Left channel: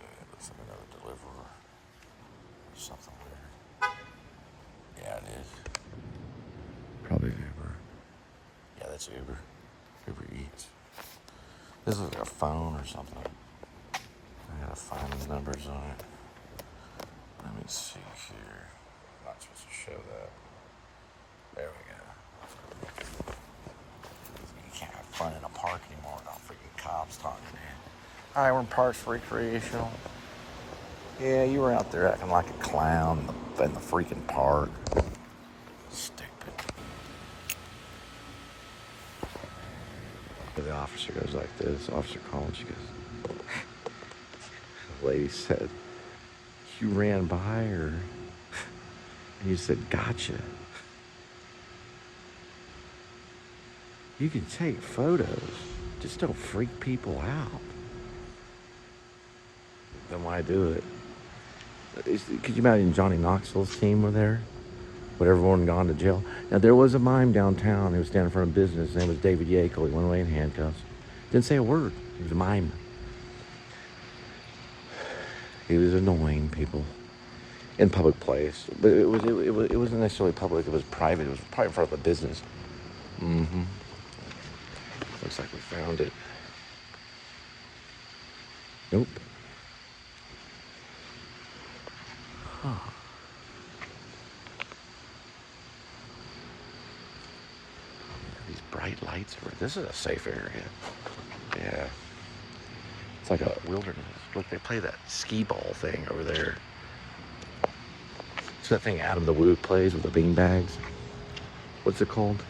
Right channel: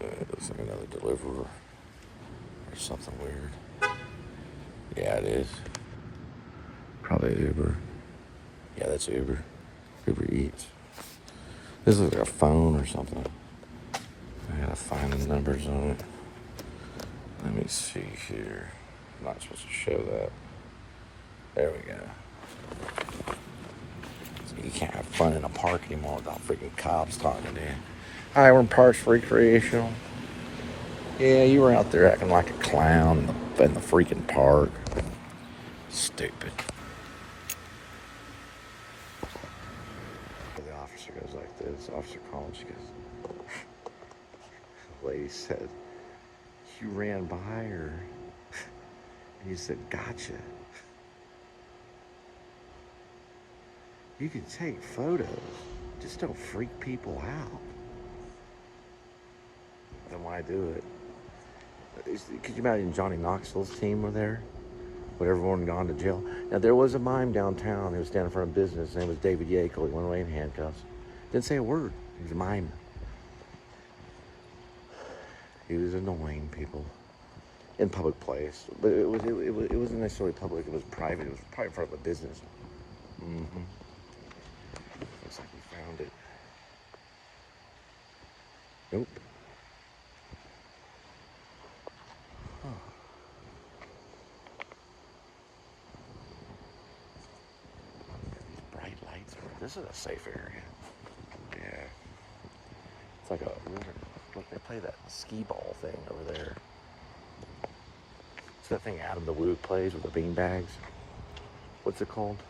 It looks like another deliverer or something weird. Yeah, it is. Probably Uber. Yeah, that's Uber. Uber Eats. This looks like a phone or something. I gotta find the numbers on it. Let me see here. I'm not supposed to show that. There we go. You can't have fun in a park anymore without freaking cops talking to you. Hi, we're in Parks Recreational. Yeah, you were out there acting like a clown in the freaking park. Stupid. The officer goes like this. Officer calls. She goes. The lady said, "You ran by her," and you said, "Gotcha." You can take photos, just don't freak people out. Then why do it? Could you imagine Johnny Knoxville's team were there? Would everyone gone to jail? Now, there was a mime downtown. He was standing in front of business. His name was David Yackel. He went away in handcuffs. Didn't say a word. He was a mime. He was annoying people in public place. But it wasn't necessarily public. It was private. It was probably in front of a business. Mm-hmm. Looks like we found it. Nope. Huh. These bright lights. This is a safe area. Yeah. It's like a wilderness. Look, they play that skee ball thing over there. It's that thing Adam the Woo plays with the bean bags. What's it called?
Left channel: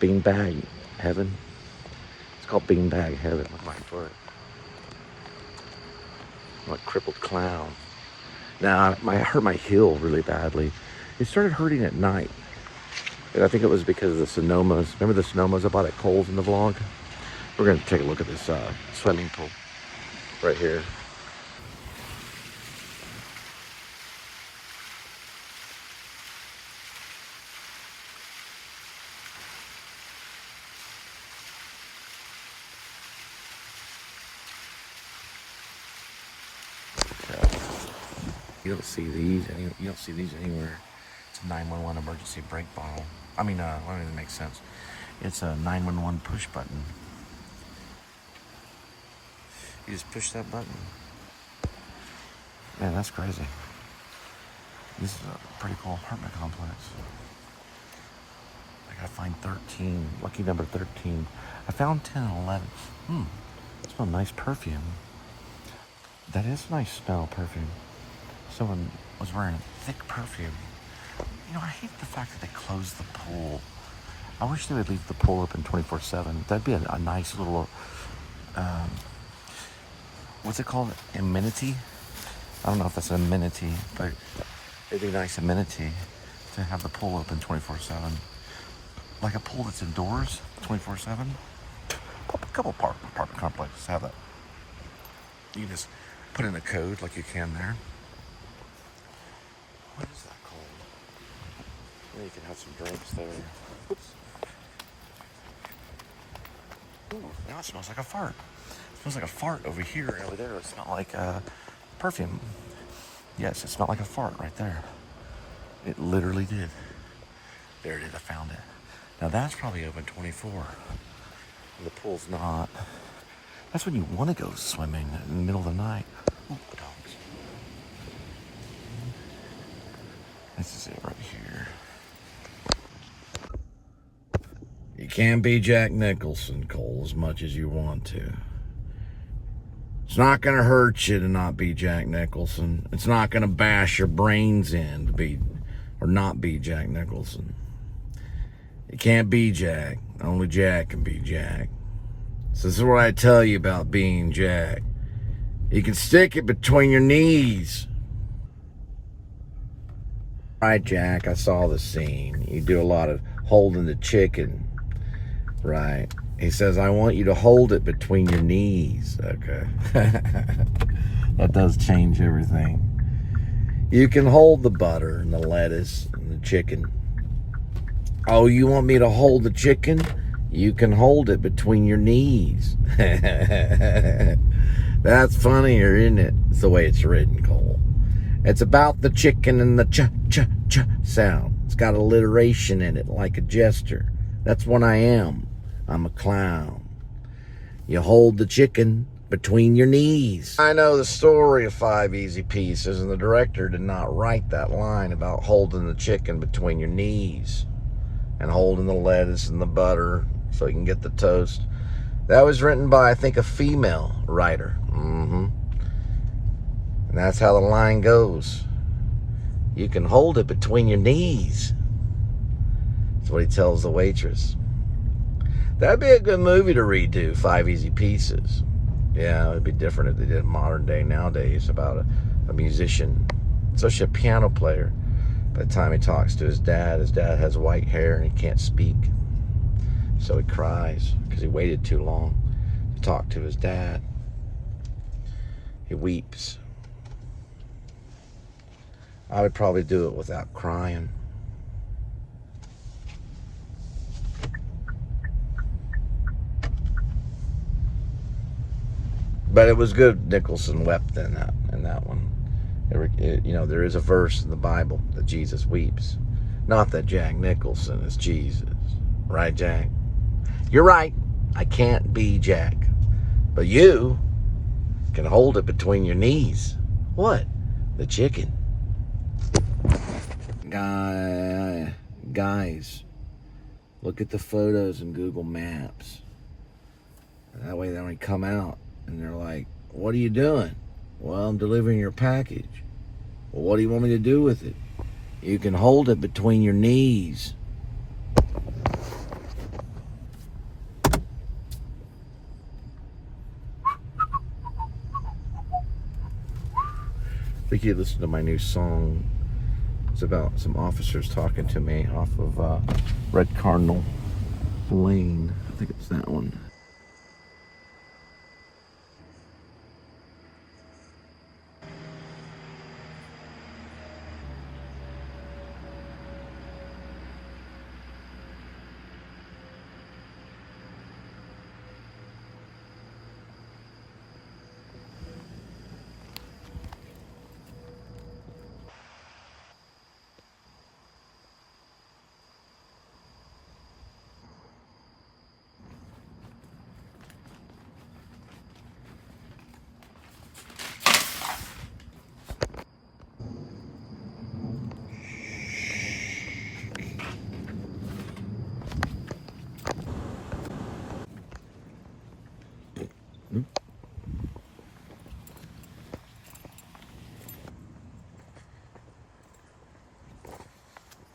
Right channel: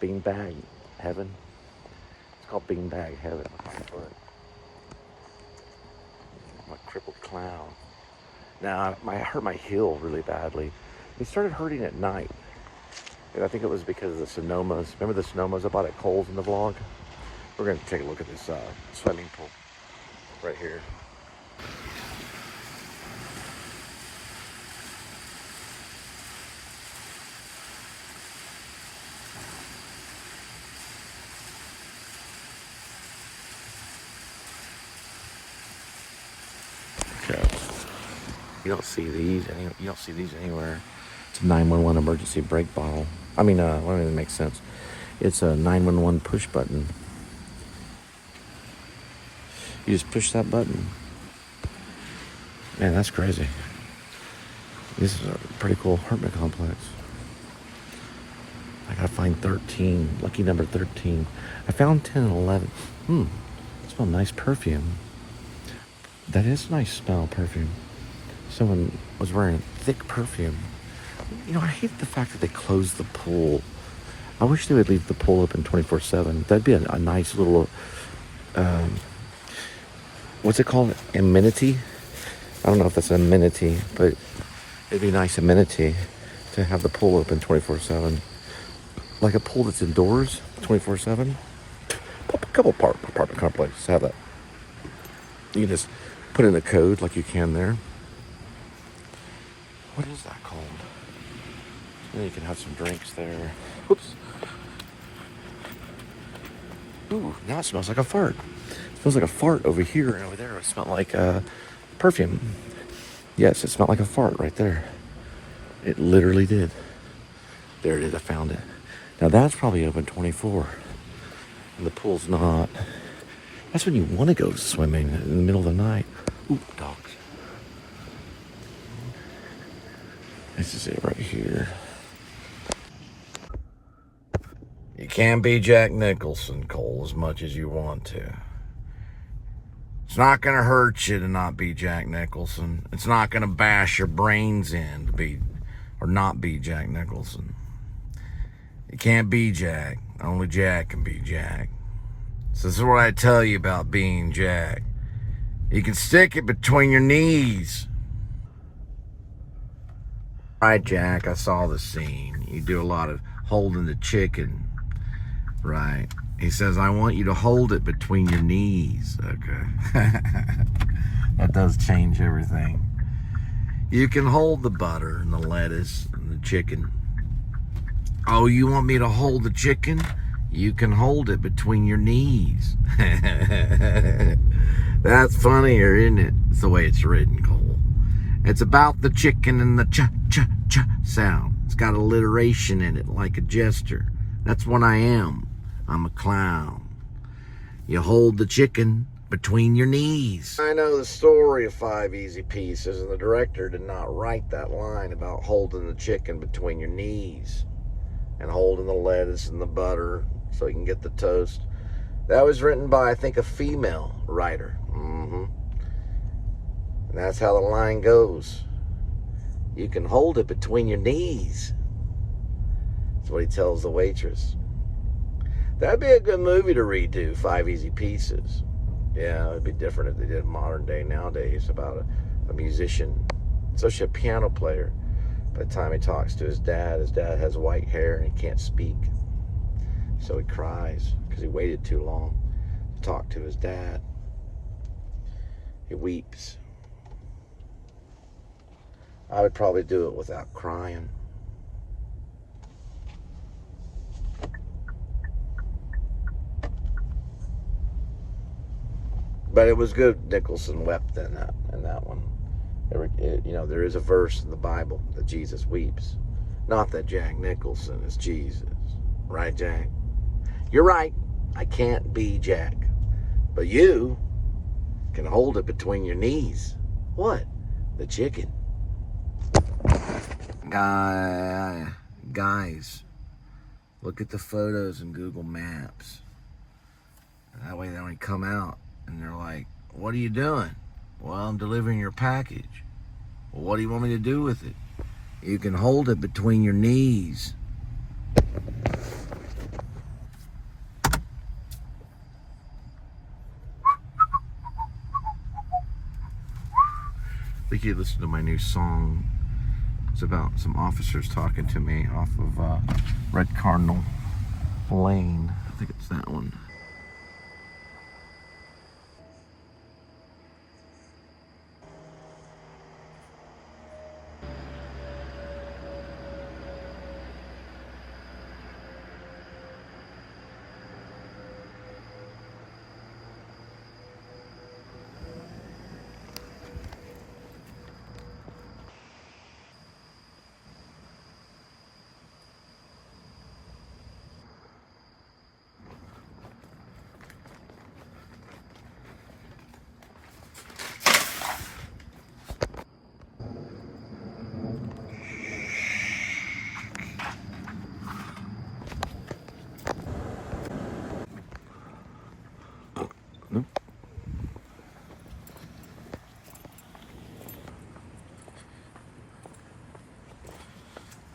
Beanbag Heaven. It's called Beanbag Heaven. Look at my foot. I'm like crippled clown. Now, I hurt my heel really badly. It started hurting at night. And I think it was because of the Sonomas. Remember the Sonomas I bought at Cole's in the vlog? We're going to take a look at this swimming pool right here. You don't see these. You don't see these anywhere. It's a 911 emergency brake bottle. I mean, I don't even make sense. It's a 911 push button. You just push that button. Man, that's crazy. This is a pretty cool apartment complex. I gotta find 13. Lucky number 13. I found 10 and 11. It smells nice perfume. That is a nice smell, perfume. Someone was wearing thick perfume. You know, I hate the fact that they closed the pool. I wish they would leave the pool open 24/7. That'd be a nice little, what's it called? Amenity? I don't know if that's an amenity, but it'd be a nice amenity to have the pool open 24/7. Like a pool that's indoors 24/7. A couple apartment complexes have that. You can just put in a code like you can there. What is that called? And you can have some drinks there. Whoops. Ooh, now it smells like a fart. It smells like a fart over here and over there. It smelled like perfume. Yes, it smelled like a fart right there. It literally did. There it is, I found it. Now that's probably open 24. And the pool's not. That's when you want to go swimming in the middle of the night. Ooh, dogs. This is it right here. You can't be Jack Nicholson, Cole, as much as you want to. It's not going to hurt you to not be Jack Nicholson. It's not going to bash your brains in to be or not be Jack Nicholson. You can't be Jack. Only Jack can be Jack. So this is what I tell you about being Jack. You can stick it between your knees. Right, Jack, I saw the scene. You do a lot of holding the chicken. Right. He says, I want you to hold it between your knees. Okay. That does change everything. You can hold the butter and the lettuce and the chicken. Oh, you want me to hold the chicken? You can hold it between your knees. That That's funnier, isn't it? It's the way it's written, Cole. It's about the chicken and the ch-ch-ch sound. It's got alliteration in it, like a jester. That's what I am. I'm a clown. You hold the chicken between your knees. I know the story of 5 Easy Pieces, and the director did not write that line about holding the chicken between your knees and holding the lettuce and the butter so you can get the toast. That was written by, I think, a female writer. And that's how the line goes. You can hold it between your knees. That's what he tells the waitress. That'd be a good movie to redo, 5 Easy Pieces. Yeah, it'd be different if they did modern day nowadays about a musician, especially a piano player. By the time he talks to his dad has white hair and he can't speak. So he cries because he waited too long to talk to his dad. He weeps. I would probably do it without crying. But it was good Nicholson wept in that one. There is a verse in the Bible that Jesus weeps. Not that Jack Nicholson is Jesus. Right, Jack? You're right. I can't be Jack. But you can hold it between your knees. What? The chicken. Guys, look at the photos in Google Maps. That way they only come out and they're like, what are you doing? Well, I'm delivering your package. Well, what do you want me to do with it? You can hold it between your knees. I think you listened to my new song. It's about some officers talking to me off of Red Cardinal Lane. I think it's that one.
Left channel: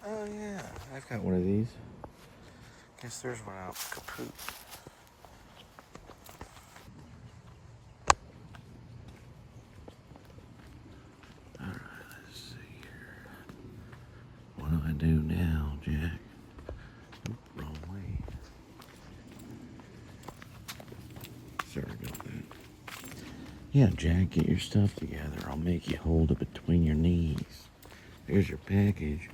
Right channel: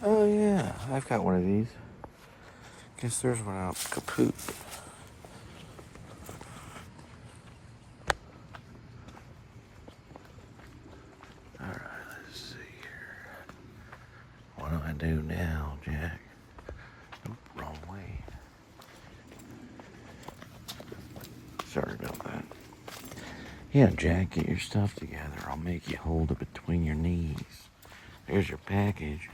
Oh yeah, I've got one of these. Guess there's one out kaput. Alright, let's see here. What do I do now, Jack? Oop, wrong way. Sorry about that. Yeah, Jack, get your stuff together. I'll make you hold it between your knees. There's your package.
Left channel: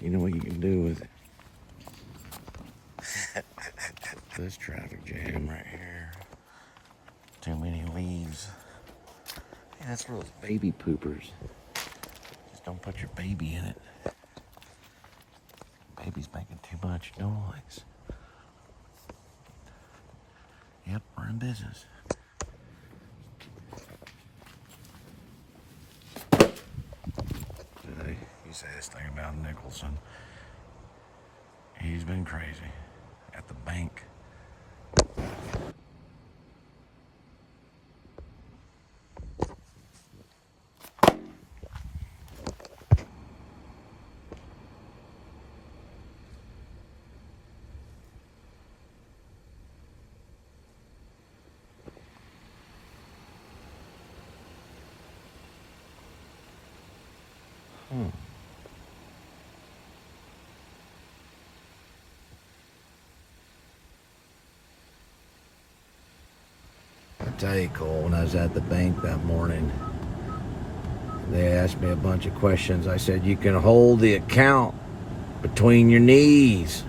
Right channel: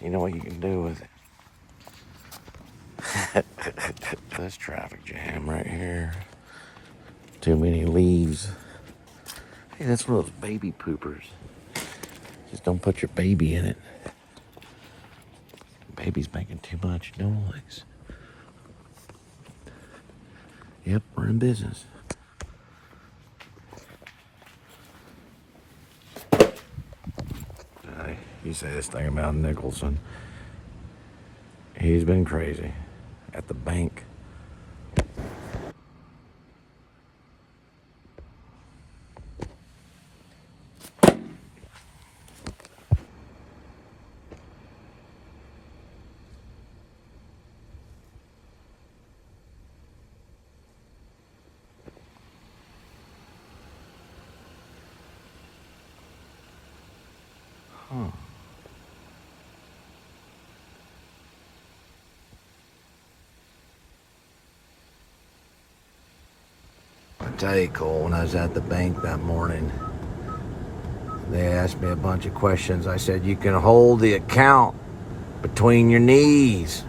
You know what you can do with it. This traffic jam right here. Too many leaves. Hey, that's one of those baby poopers. Just don't put your baby in it. Baby's making too much noise. Yep, we're in business. You say this thing about Nicholson. He's been crazy at the bank. I tell you, Cole, when I was at the bank that morning, they asked me a bunch of questions. I said, you can hold the account between your knees.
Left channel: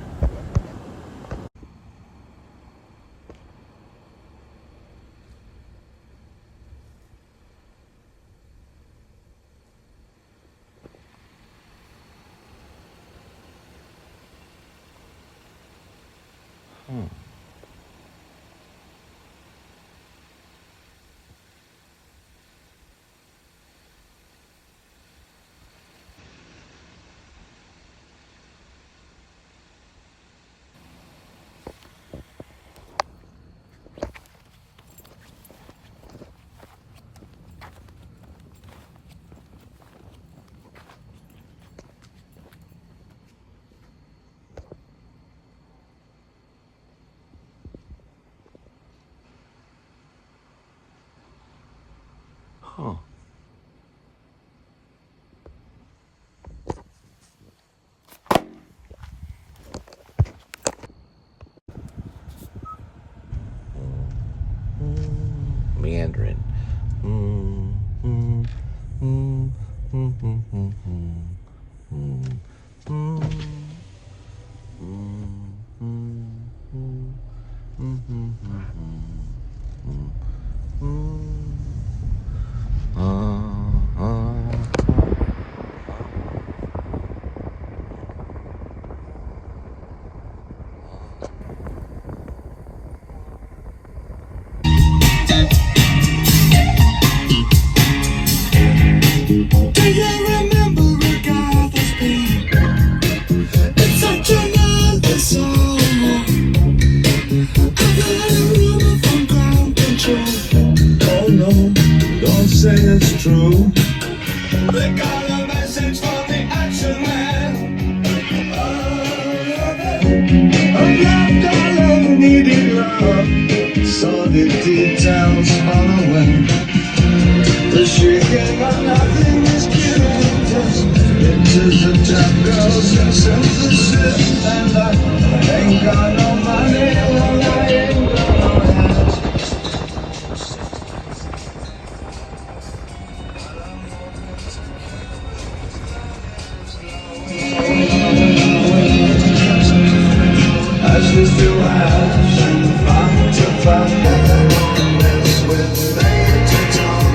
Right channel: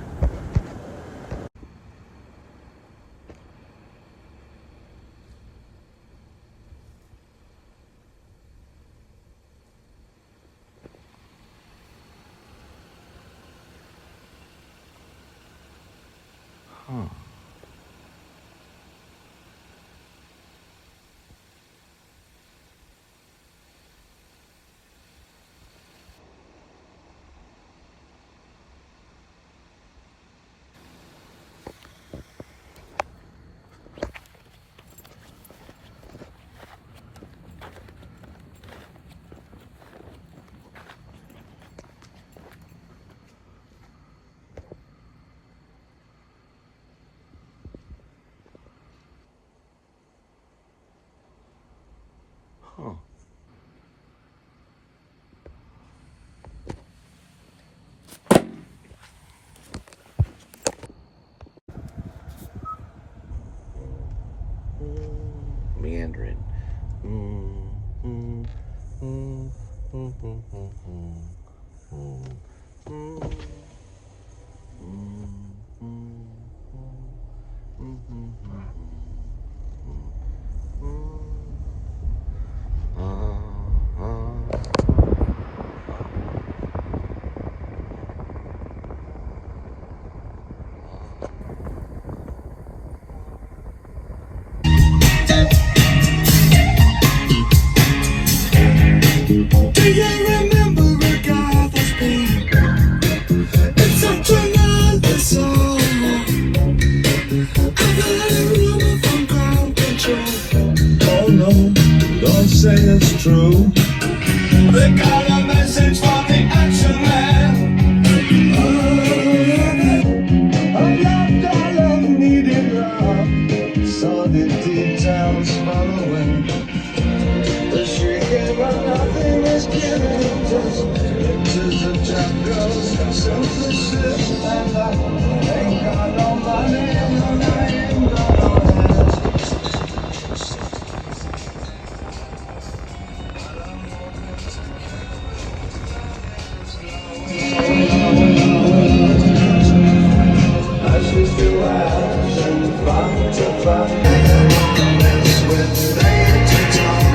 Huh. Meandering. Do you remember Agatha's Beat? It's such another song. I've had a rumor from ground control. Oh no, don't say it's true. They got a message from the action man. A young girl needed love, so the details following. The shrieking but nothing is killing us. Into the top girls and synthesis. And I ain't got no money and I ain't got no ashes to ash and fun to fun. That's when they to talk.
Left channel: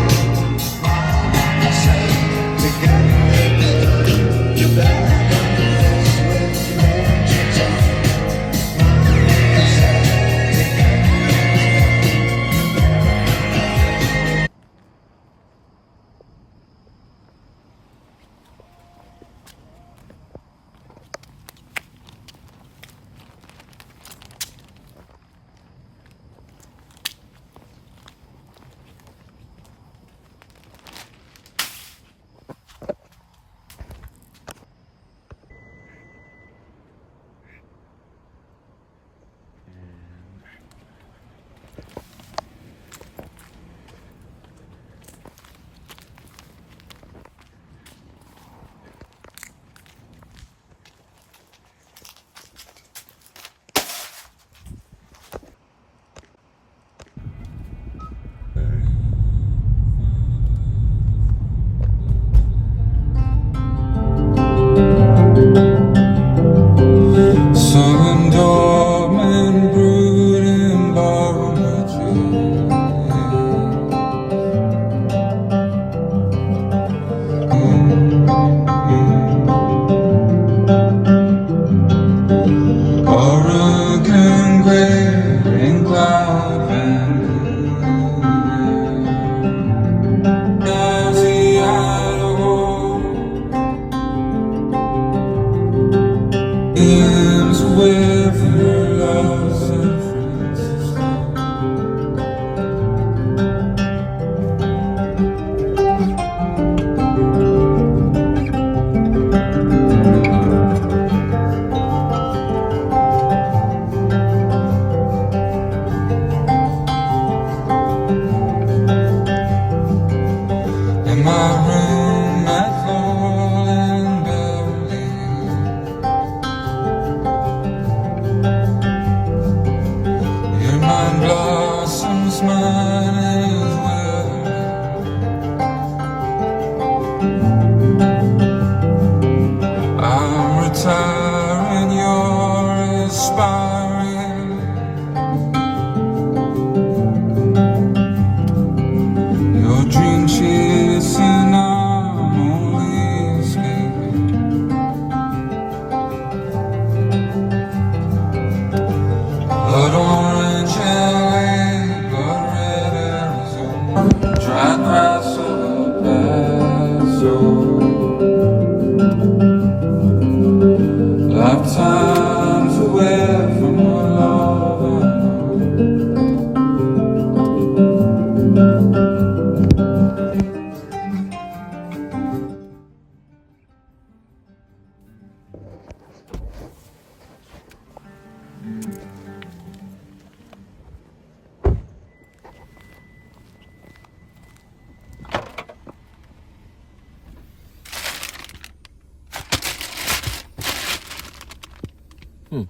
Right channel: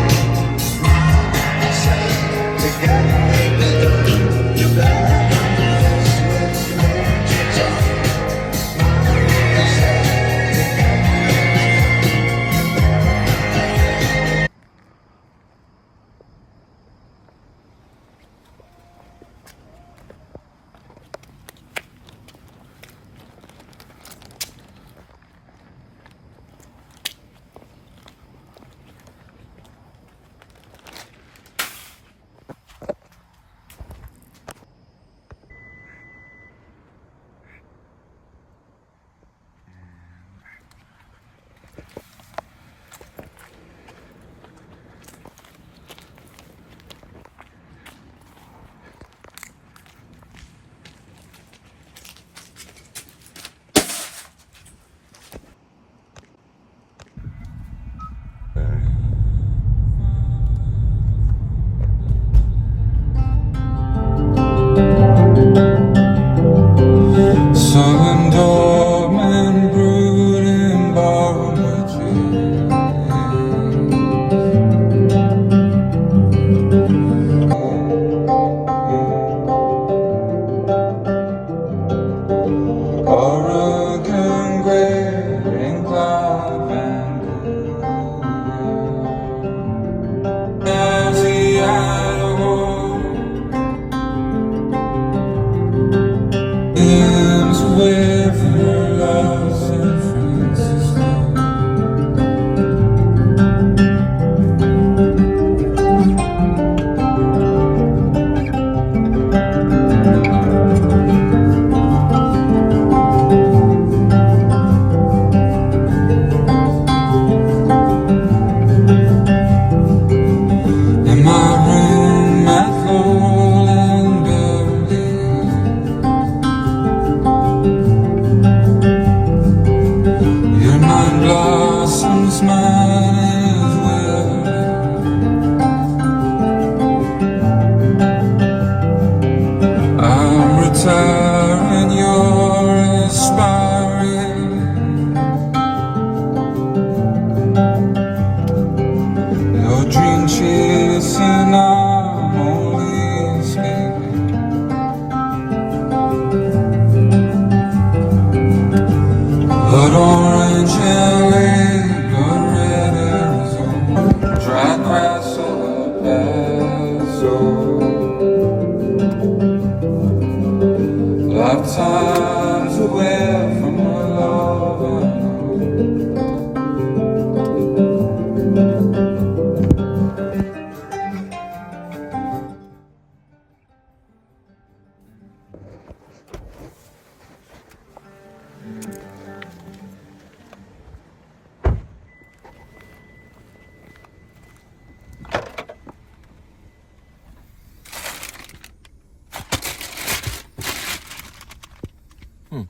There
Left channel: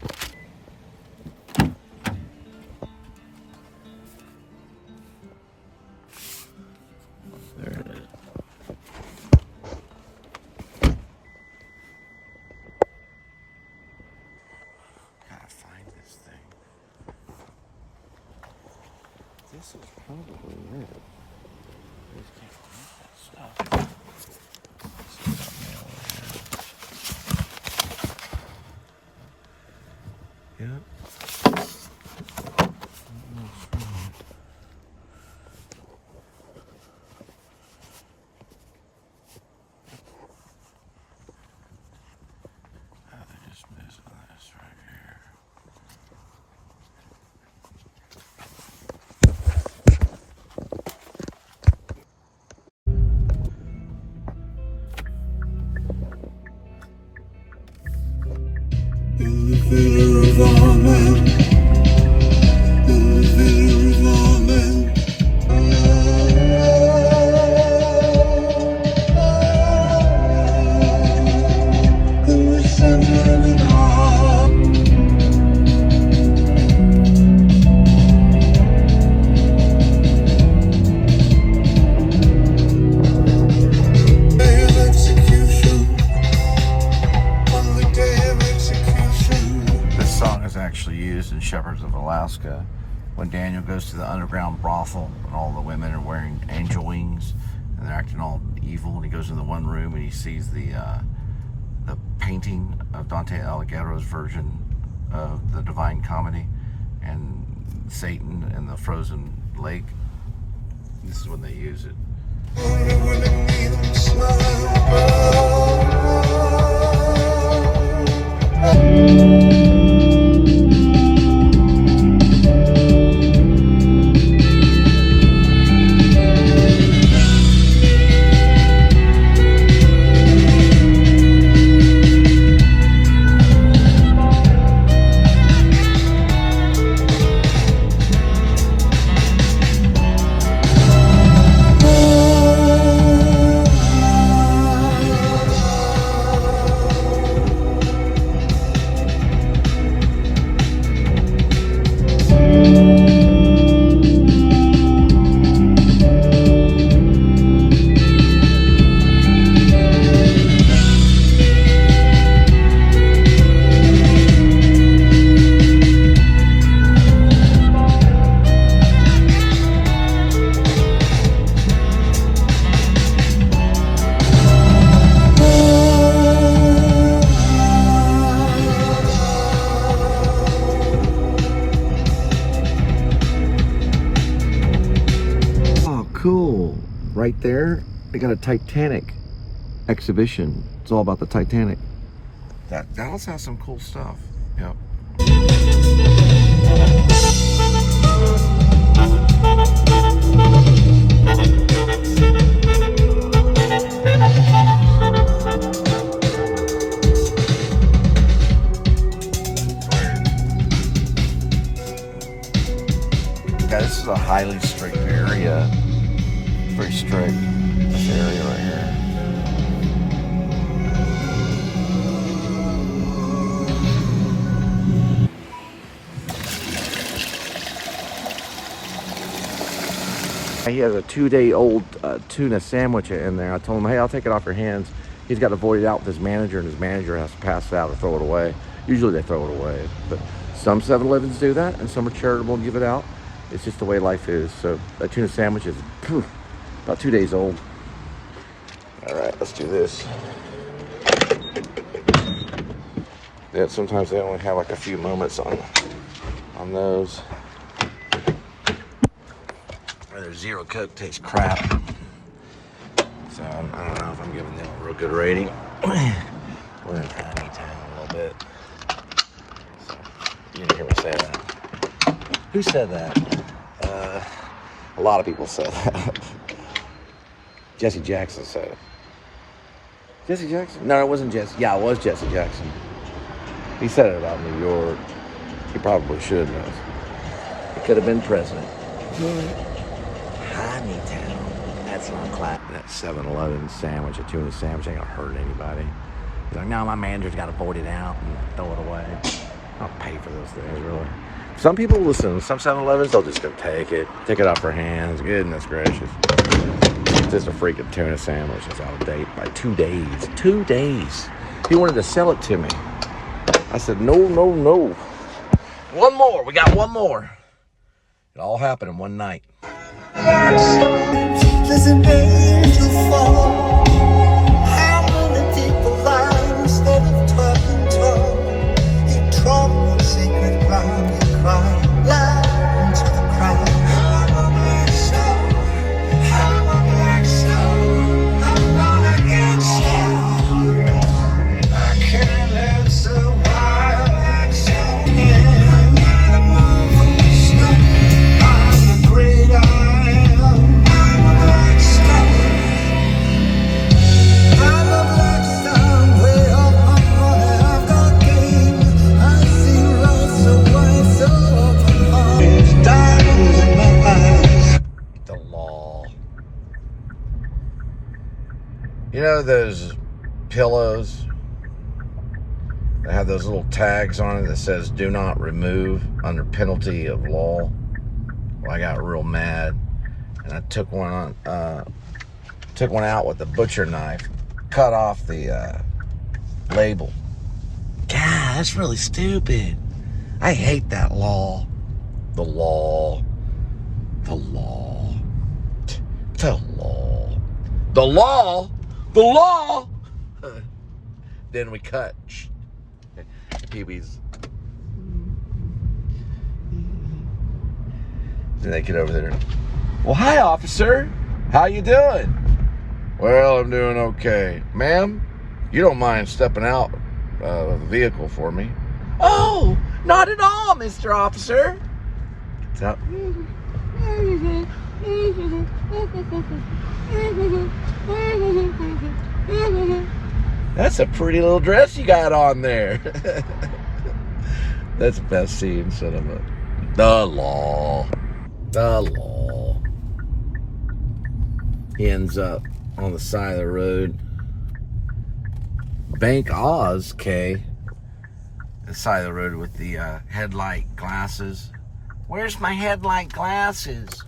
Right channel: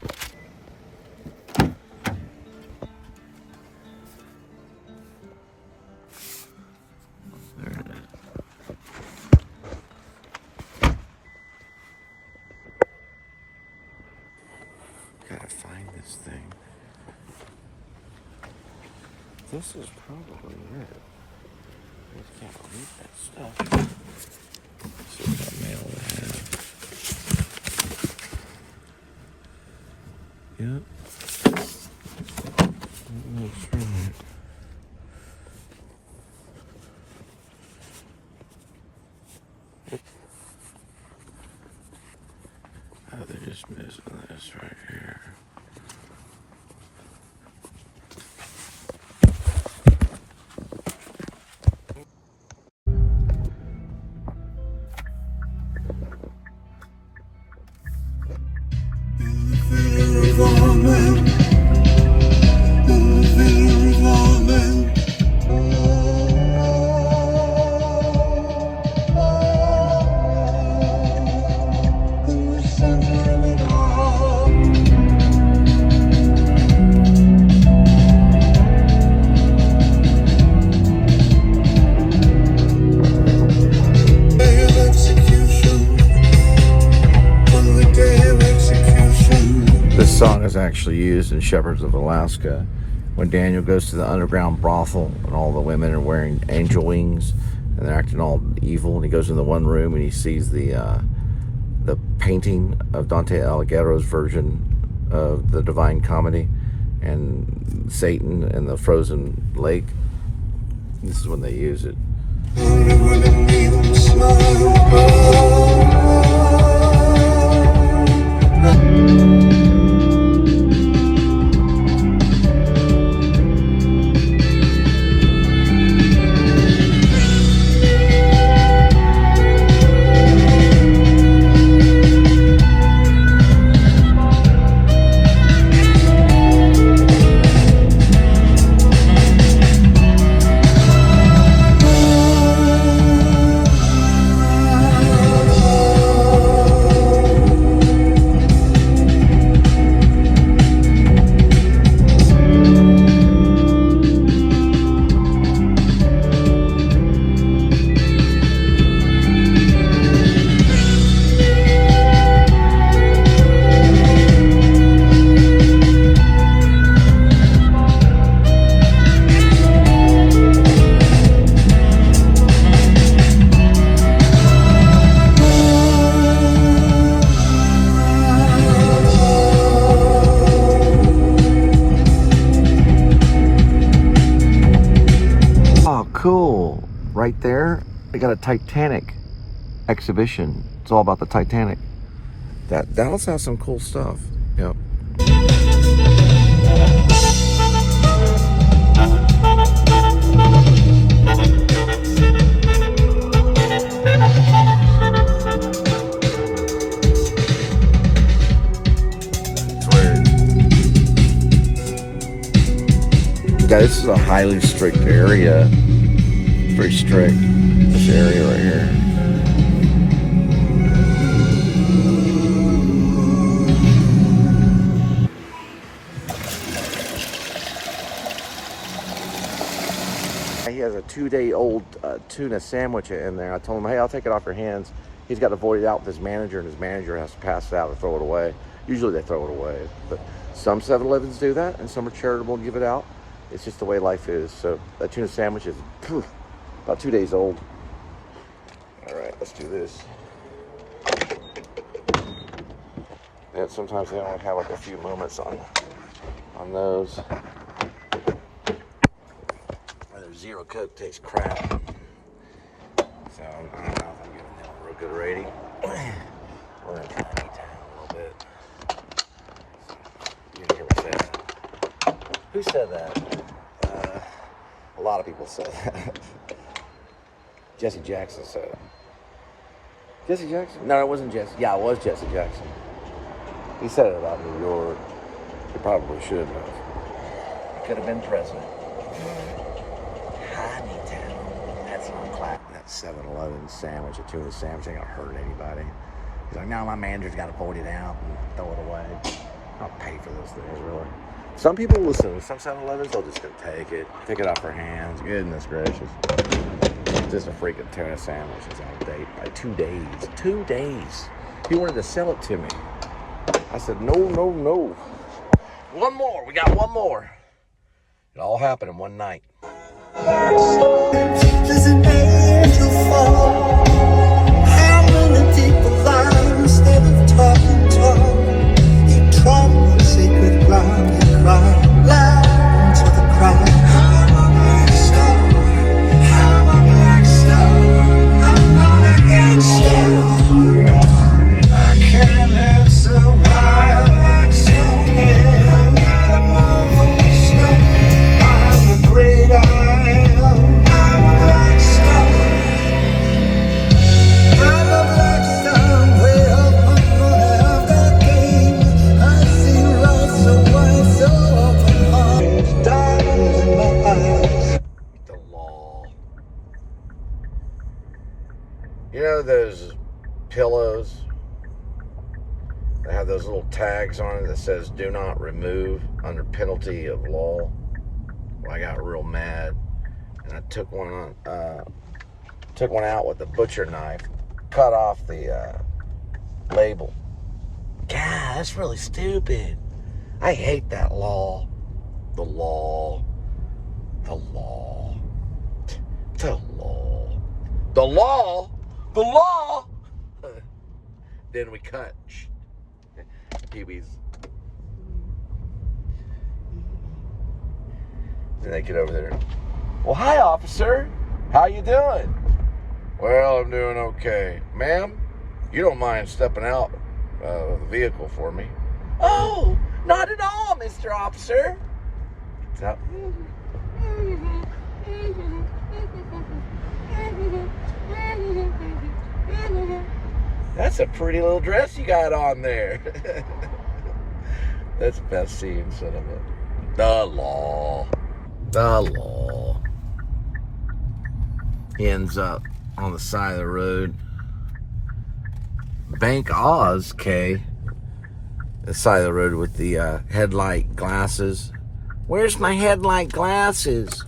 it is. Gotta find this thing. This is probably it. I just can't read that stuff. Let's see what mail we have. Yep. Looks right. Oh, they're just missing this right here. This song is actually used in Shepherds of Alaska when Daniel goes to the underground brothel and all the women are wearing angel wings and they're acting all evil, and he goes in the one room and he sees the painting of Dante Alighieri's version of the Divine Comedy and Satan and the frozen lake. This is when they use it. Cool. Right there, they got a Titanic exhibition. It's all about the Titanic. Dallas has some cool stuff. Yep. Guys, this is a highly strict area. Very strict, this area right here. He has a 2-day-old tuna sandwich in there. I told him, hey, I'll take it off your hands. He's got to void it out with his manager, and his manager has to pass it out or throw it away. Usually they throw it away, but some 7-Elevens do that, and some are charitable and give it out. It's just the way life is. So that tuna sandwich is about 2 days old. All right, let's do this. Yeah, sometimes they only have like a few moments on those. Their Zero Coke tastes crap. So I don't know if I'm giving them a real good rating. We're in Tiny Town a little bit. So, you didn't hear me say that. Who said that? A lot of people said that. Jesse Jackson said it. Jesse Jackson? No, it wasn't Jesse. Yeah, it was Jesse Jackson. He said it about New York. He probably should have. He could have been president. Honey Town. That's not clap. That 7-Eleven sandwich, a tuna sandwich, ain't gonna hurt anybody. He's like, no, my manager's got to void it out and throw it away. I'll pay for those things, really. Some people listen. Some 7-Elevens, they'll just go take it off their hands. Goodness gracious. Just a freaking tuna sandwich. It's out of date by 2 days. 2 days. He wanted to sell it to me. I said, no. One more. We got one more. It all happened in one night. Does an angel fall? How many people lie instead of talking tall? You trod sacred ground, you cry loud into the crowd. I'm a black star, I'm a black star, I'm gonna get you. I can't have survive like some I'm the great I am. The law. You know those pillows that have those little tags on it that says do not remove under penalty of law? Well, I got real mad and I took one out with a butcher knife, cut off the label. God, that's really stupid. I hate that law. The law. The law. The law. The law. The law. Then we cut. Pee-wees. Then they get over there. Well, hi, officer. How you doing? Well, I'm doing okay. Ma'am, you don't mind stepping out of the vehicle for me? Oh, not at all, Mr. Officer. So, that's a pretty little dress you got on there. That's the best scene, son of a... The law. The law. He ends up on the side of the road. Bank Oz, K. The side of the road with the headlight glasses. Where's my headlight glasses?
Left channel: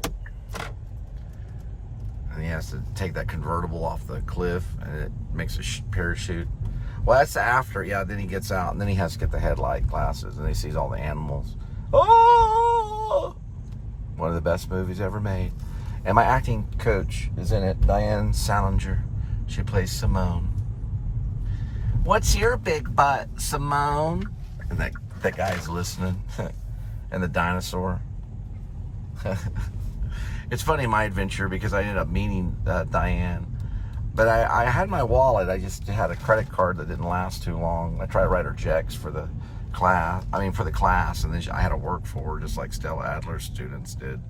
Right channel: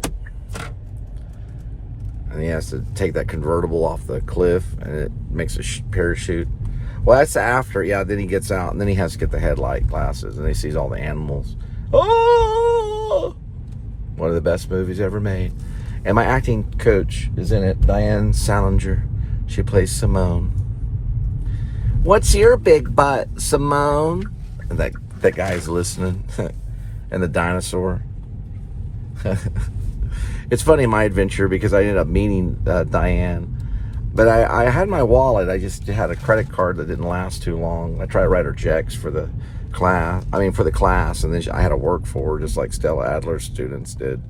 And he has to take that convertible off the cliff, and it makes a parachute. Well, that's after, yeah, then he gets out, and then he has to get the headlight glasses, and he sees all the animals. Oh! One of the best movies ever made. And my acting coach is in it, Diane Salinger. She plays Simone. What's your big butt, Simone? And that guy's listening. And the dinosaur. It's funny, my adventure, because I ended up meeting Diane. But I had my wallet. I just had a credit card that didn't last too long. I tried to write her checks for the class. And then I had to work for her, just like Stella Adler's students did.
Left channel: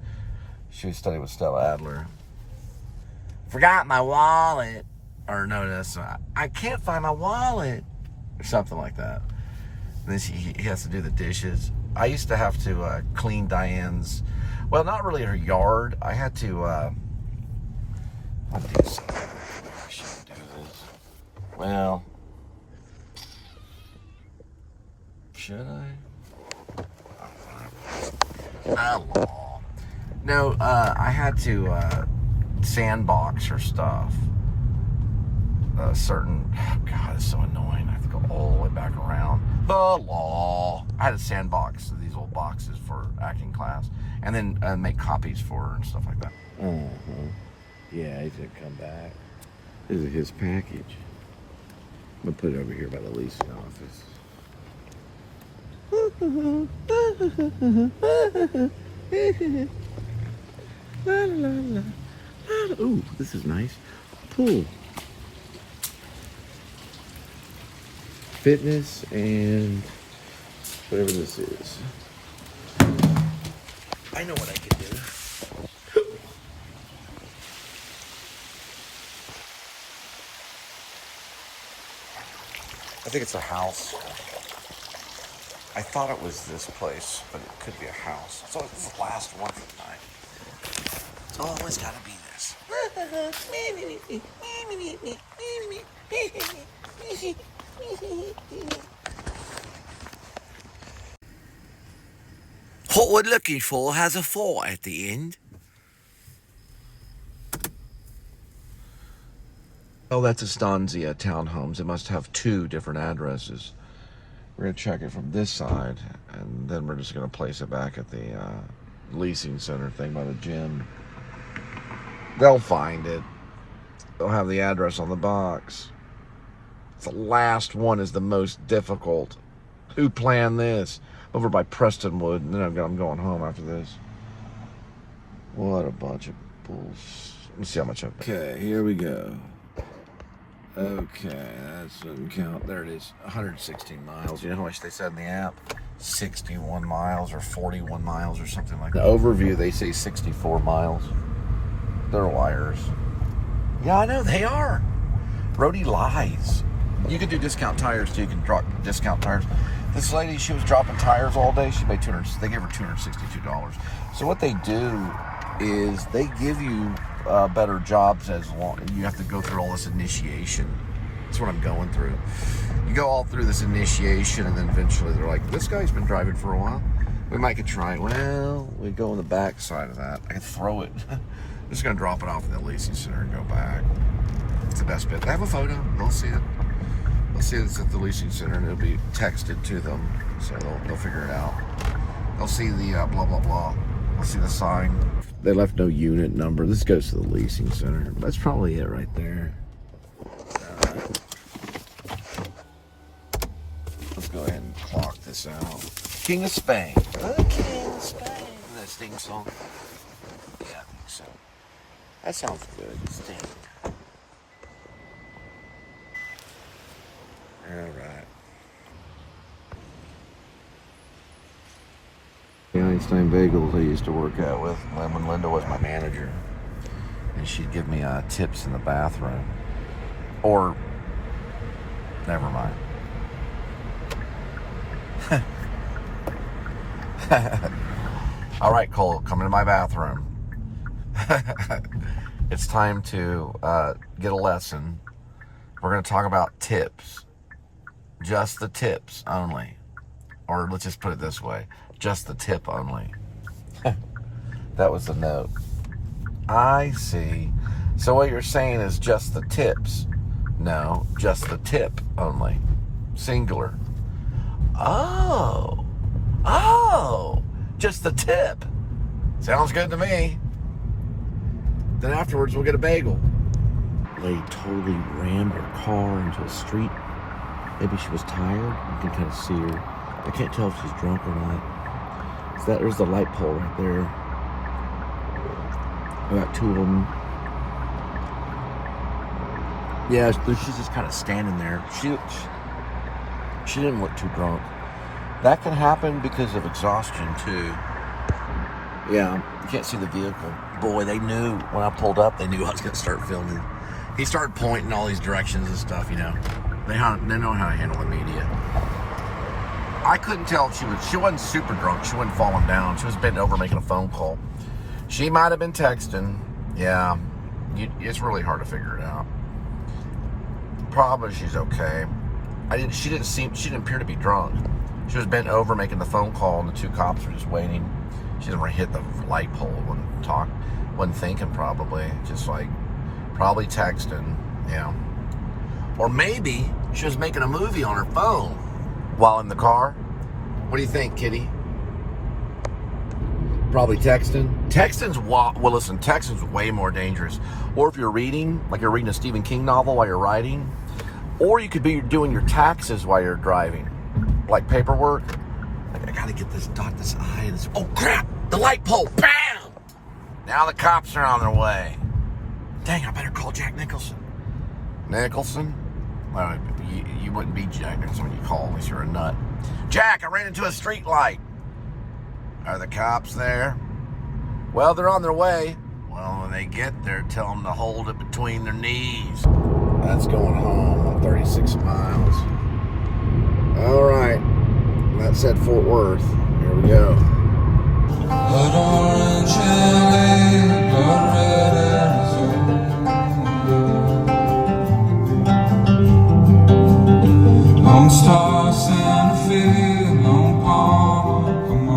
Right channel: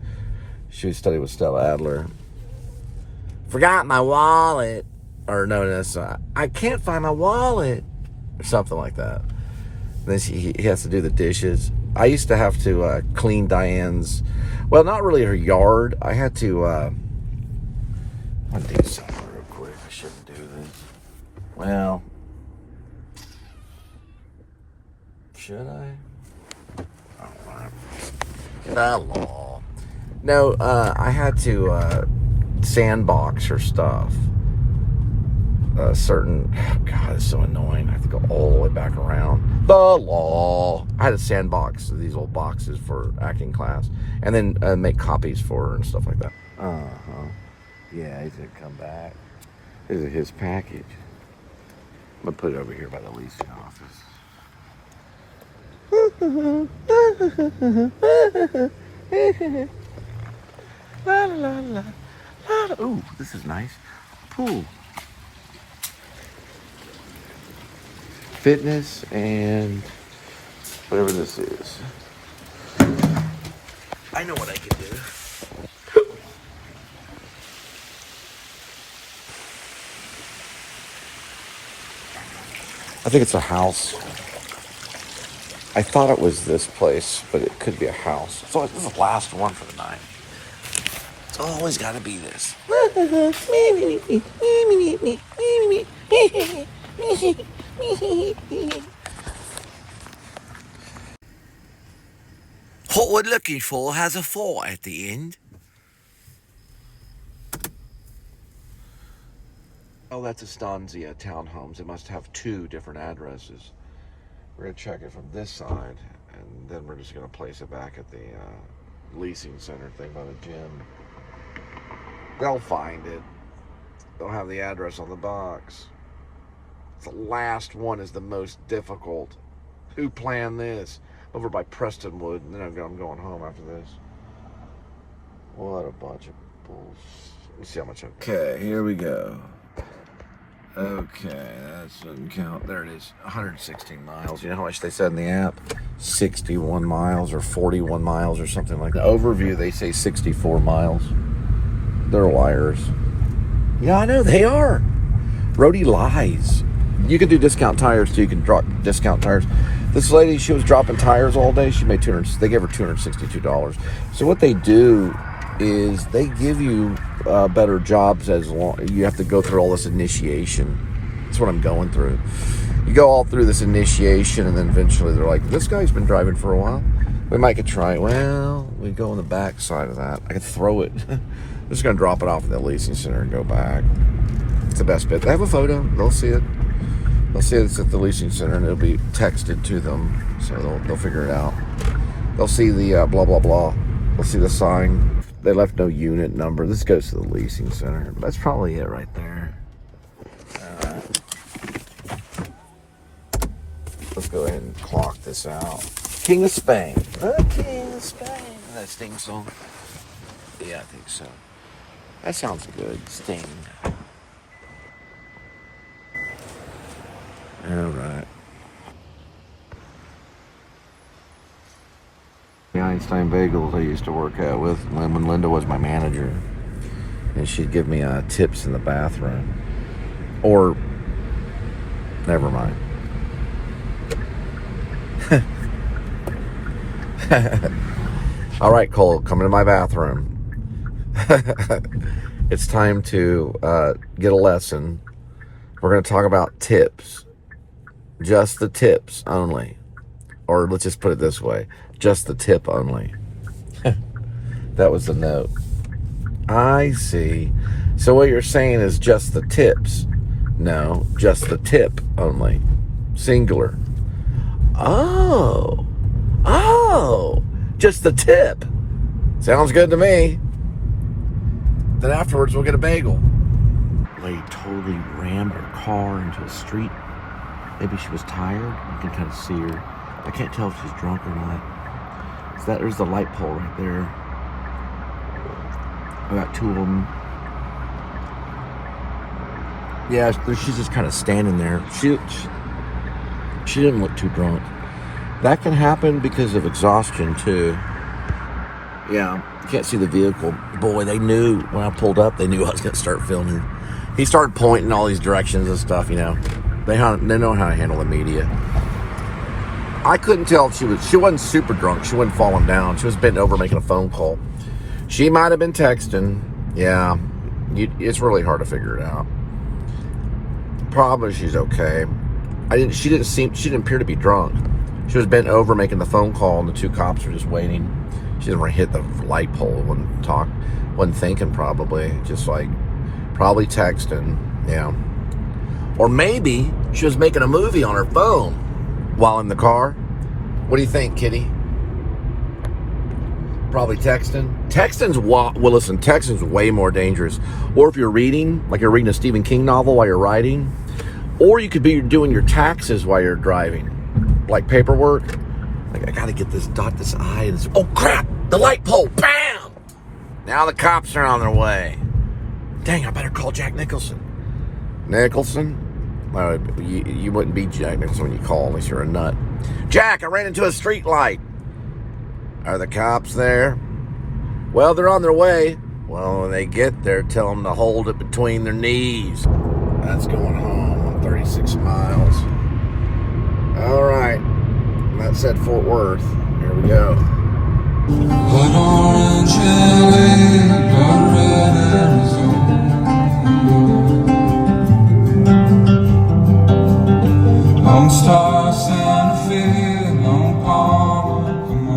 She studied with Stella Adler. Forgot my wallet. Or no, that's I can't find my wallet. Or something like that. And then he has to do the dishes. I used to have to clean Diane's, well, not really her yard. I had to, let me do something real quick. I shouldn't do this. Well, should I? Oh, law. No, I had to sandbox her stuff. God, it's so annoying. I have to go all the way back around. The law. I had to sandbox these little boxes for acting class, and then make copies for her and stuff like that. Yeah, he's gonna come back. This is his package. I'm gonna put it over here by the leasing office. La la la la. Ooh, this is nice. Pool. Fitness and whatever this is. I know what I can do. I think it's a house. I thought it was this place, but it could be a house. So this is the last one for the night. It's always got to be this. What we're looking for has a 4 at the end. Oh, that's Estancia Townhomes. It must have 2 different addresses. We're going to check it from this side, and then we're just going to place it back at the leasing center thing by the gym. They'll find it. They'll have the address on the box. The last one is the most difficult. Who planned this? Over by Prestonwood, and then I'm going home after this. What a bunch of bulls. Let me see how much I've got. Okay, here we go. Okay, that doesn't count. There it is, 116 miles. You know how much they said in the app? 61 miles or 41 miles or something like that. The overview, they say 64 miles. They're liars. Yeah, I know, they are. Roadie lies. You can do discount tires too. You can drop discount tires. This lady, she was dropping tires all day. She made they gave her $262. So what they do is they give you better jobs as long. You have to go through all this initiation. That's what I'm going through. You go all through this initiation, and then eventually they're like, "This guy's been driving for a while. We might could try it." Well, we go on the back side of that. I could throw it. I'm just gonna drop it off at the leasing center and go back. It's the best bit. They have a photo. They'll see it. They'll see it's at the leasing center, and it'll be texted to them, so they'll figure it out. They'll see the blah blah blah. They'll see the sign. They left no unit number. This goes to the leasing center. That's probably it right there. Let's go ahead and clock this out. King of Spain. The King of Spain. Isn't that Sting song? Yeah, I think so. That sounds good. Sting. All right. The Einstein Bagels I used to work at with when Linda was my manager, and she'd give me tips in the bathroom. Or, never mind. All right, Cole, come into my bathroom. It's time to get a lesson. We're going to talk about tips. Just the tips only. Or let's just put it this way. Just the tip only. That was the note. I see. So what you're saying is just the tips. No, just the tip only. Singular. Oh. Just the tip. Sounds good to me. Then afterwards we'll get a bagel. Lady totally rammed her car into a street. Maybe she was tired. You can kind of see her. I can't tell if she's drunk or not. So there's the light pole right there. I got 2 of them. Yeah, she's just kind of standing there. She didn't look too drunk. That can happen because of exhaustion too. Yeah, can't see the vehicle. Boy, they knew when I pulled up. They knew I was gonna start filming. He started pointing all these directions and stuff. You know, they know how to handle the media. I couldn't tell if she wasn't super drunk. She wasn't falling down. She was bent over making a phone call. She might have been texting. Yeah, it's really hard to figure it out. Probably she's okay. She didn't appear to be drunk. She was bent over making the phone call, and the 2 cops were just waiting. She didn't want to hit the light pole. Wasn't thinking probably. Just like probably texting. Yeah. Or maybe she was making a movie on her phone while in the car. What do you think, Kitty? Probably texting. Texting's way more dangerous. Or if you're reading, like you're reading a Stephen King novel while you're writing, or you could be doing your taxes while you're driving, like paperwork. Like I gotta get this, dot this I, and this, oh crap, the light pole, bam! Now the cops are on their way. Dang, I better call Jack Nicholson. Nicholson? Well, you wouldn't be Jack Nicholson when you call unless you're a nut. Jack, I ran into a street light. Are the cops there? Well, they're on their way. Well, when they get there, tell them to hold it between their knees. That's going home on 36 miles. All right. That said Fort Worth. Here we go. Blood orange LA, blood red Arizona. Lone Star, Santa Fe, Lone Palm, come on.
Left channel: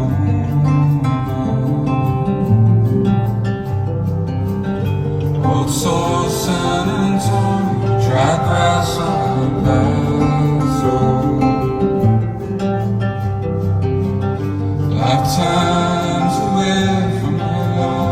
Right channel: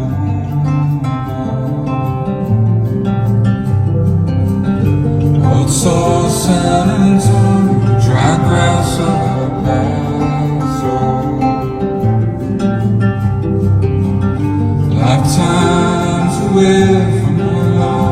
sauce and some dry grass over basil. Lifetimes away from your love.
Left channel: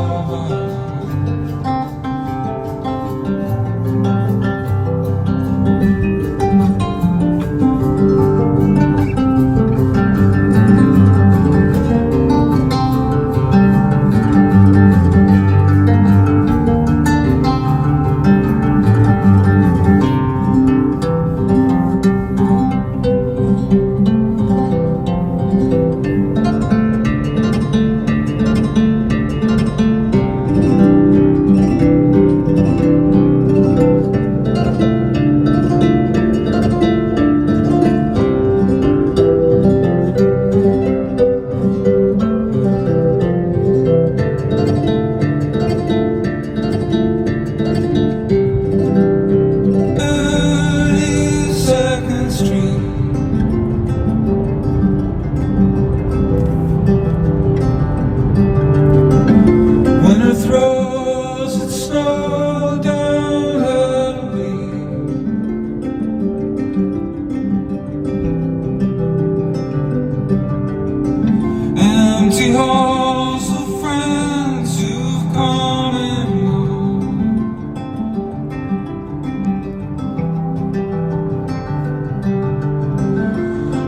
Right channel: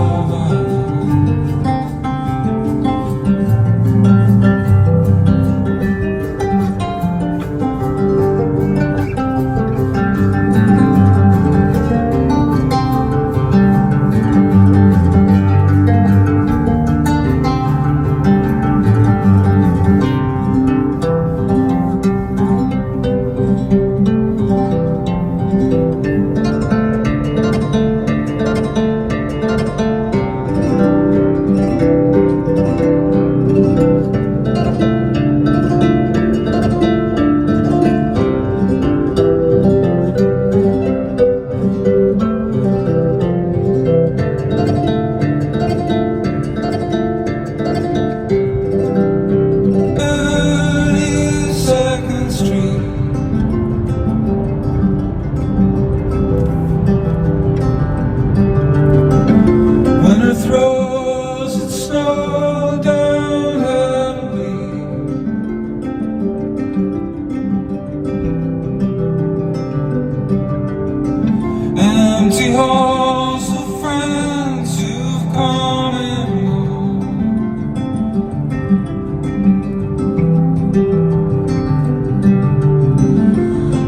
Empty halls of friends who've come and gone.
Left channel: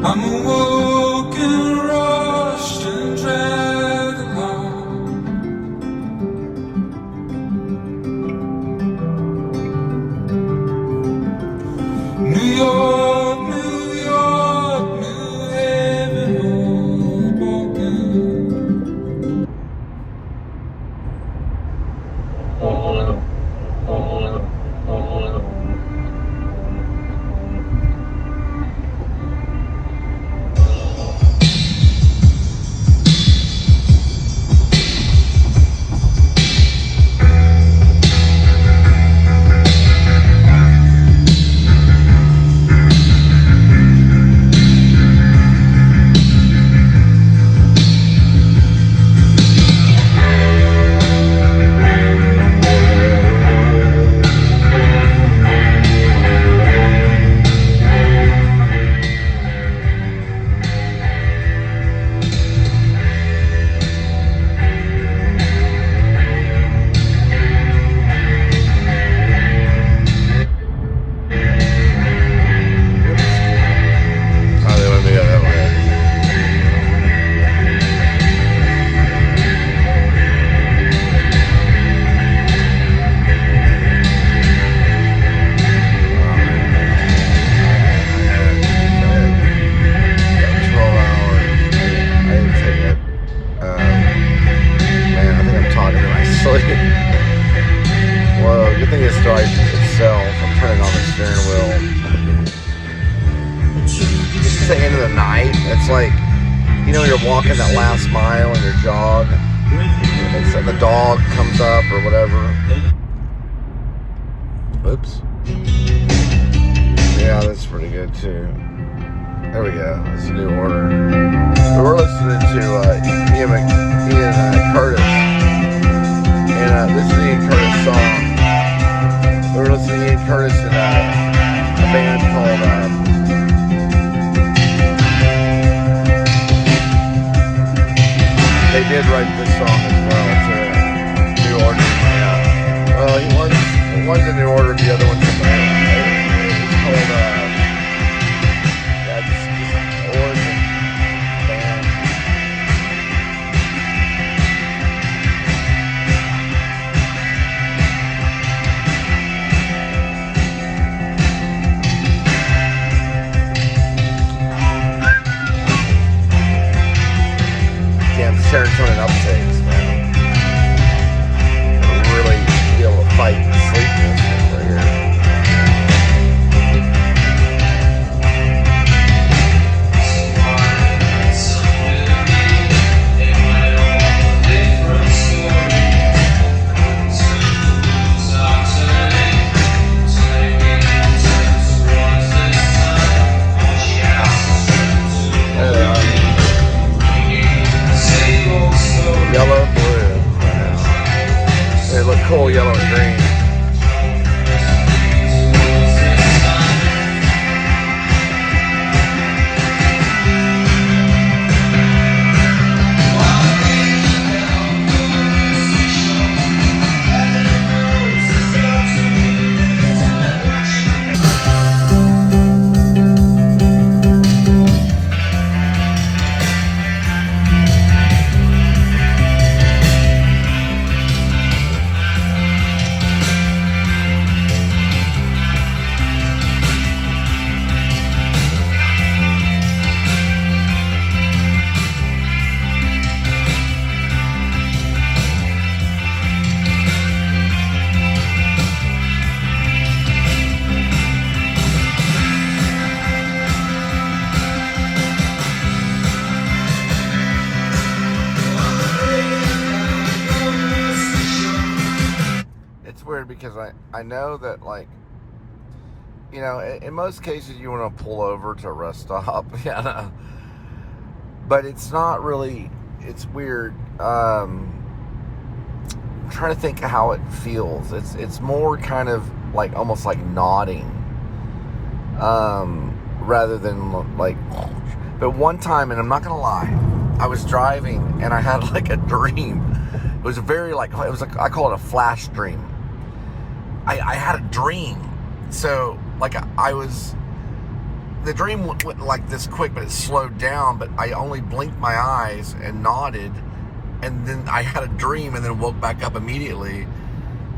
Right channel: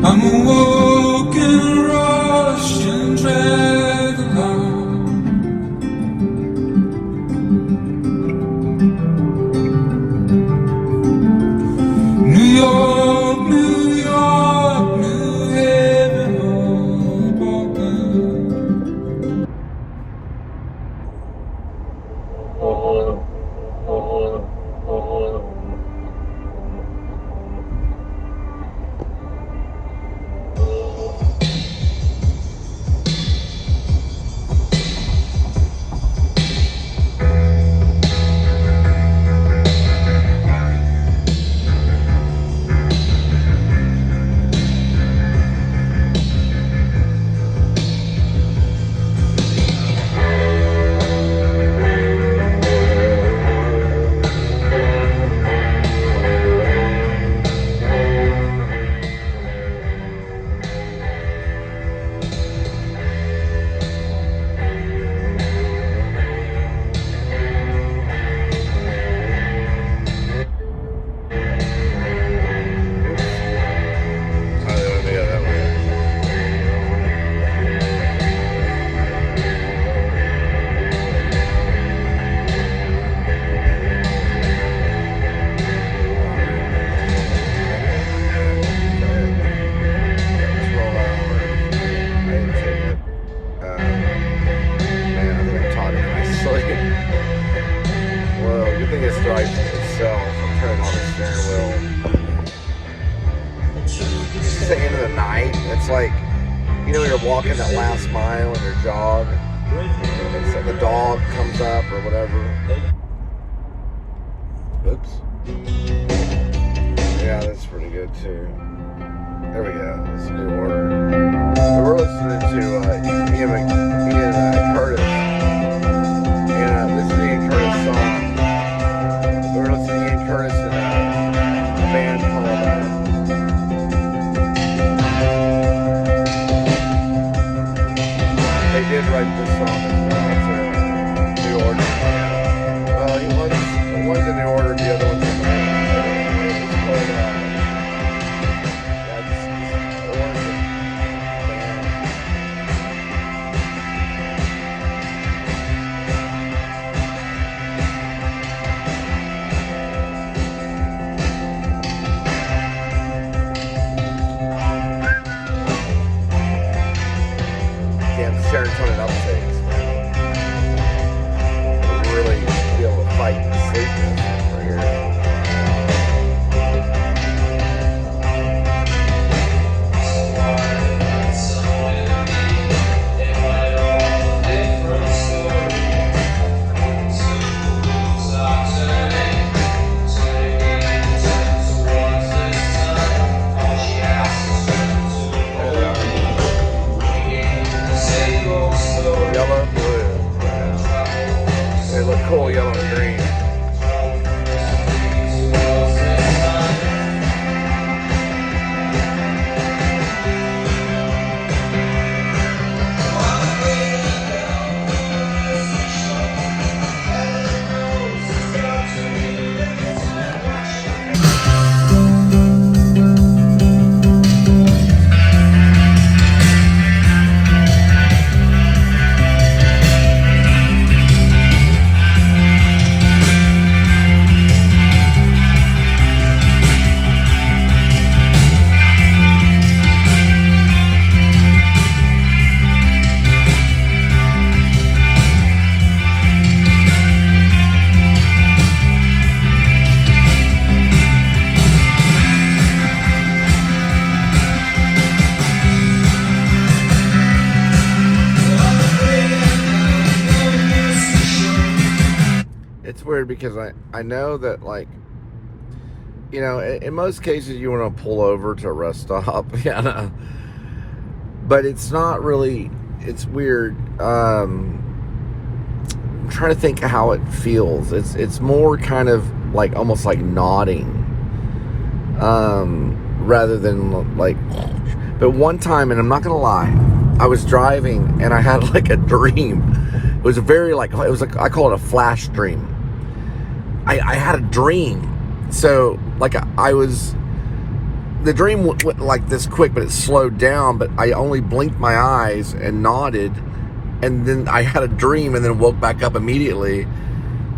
I'm awoke and rushed and dragged along. New York, New York, New Haven, well, good thing it drives itself. I'm turning on the steering wheel. It's the end of the night. It's like, you know, you're walking that last mile in your jog, and so the dog comes up or whatever. Oops. Yeah, that's pretty good too. There we go. This is a new order. So we're listening to Ian Curtis. And this is the Ian Curtis song. We were listening to Ian Curtis in a band called they did write this song as well. It's a new order. Yeah. Well, one's in new order, the other one's in the it's called just Origin Band. Yeah, the serotonin uptakes, man. It'll really be able to fight sleepiness right here. Yellow, blue, brown. They look cool, yellow and green. It's weird because I know that, like, you know, in most cases you want to pull over to a rest stop, yeah, but it's not really, it's weird. I'm trying to think how it feels. It's more kind of like almost like nodding, rather than like. But one time, and I'm not gonna lie, I was driving and I had like a dream. It was a very like, it was like, I call it a flash dream. I had a dream. So like the dream went like this quick, but it slowed down, but I only blinked my eyes and nodded, and then I had a dream and then woke back up immediately.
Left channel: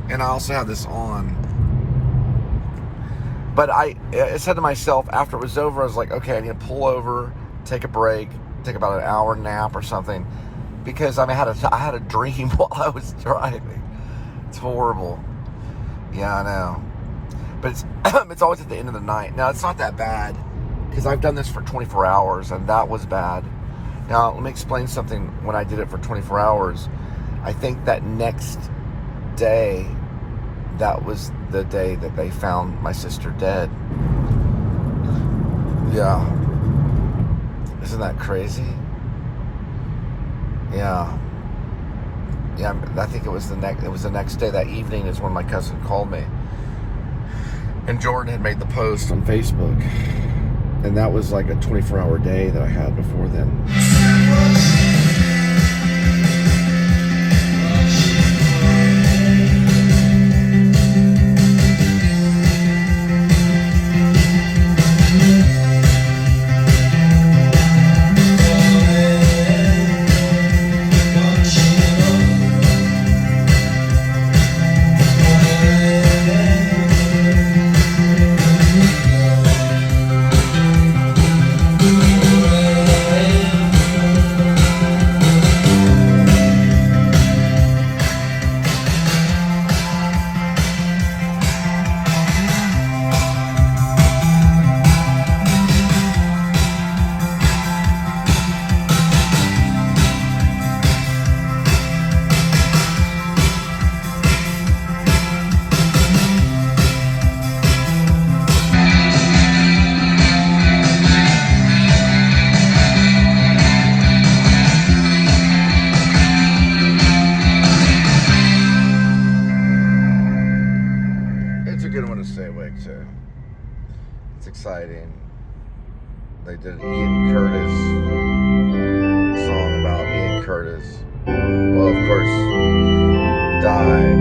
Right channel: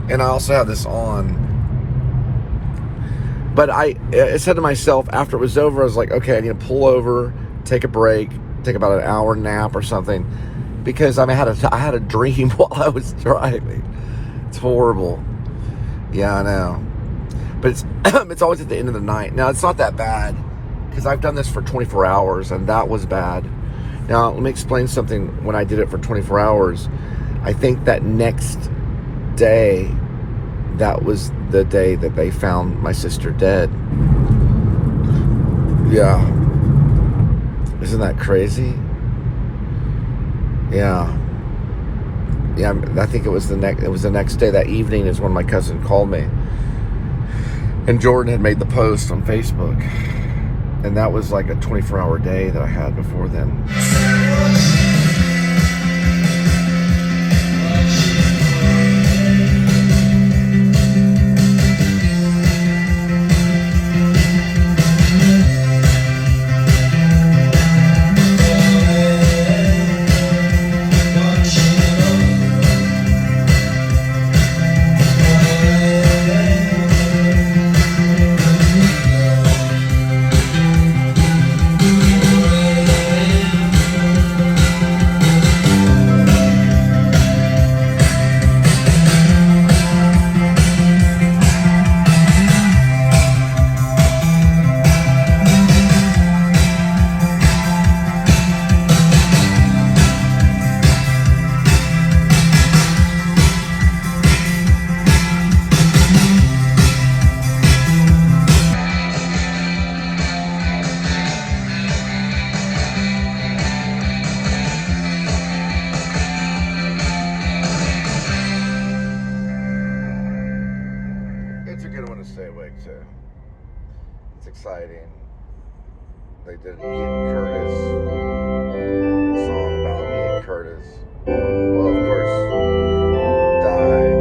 And I also had this on. But I said to myself after it was over, I was like, okay, I need to pull over, take a break, take about an hour nap or something, because I had a dream while I was driving. It's horrible. Yeah, I know. But it's always at the end of the night. Now, it's not that bad, because I've done this for 24 hours, and that was bad. Now, let me explain something. When I did it for 24 hours, I think that next day, that was the day that they found my sister dead. Yeah. Isn't that crazy? Yeah. Yeah, I think it was the next day. That evening is when my cousin called me. And Jordan had made the post on Facebook. And that was like a 24-hour day that I had before then. It's exciting. They did an Ian Curtis song about Ian Curtis. Well, of course, died.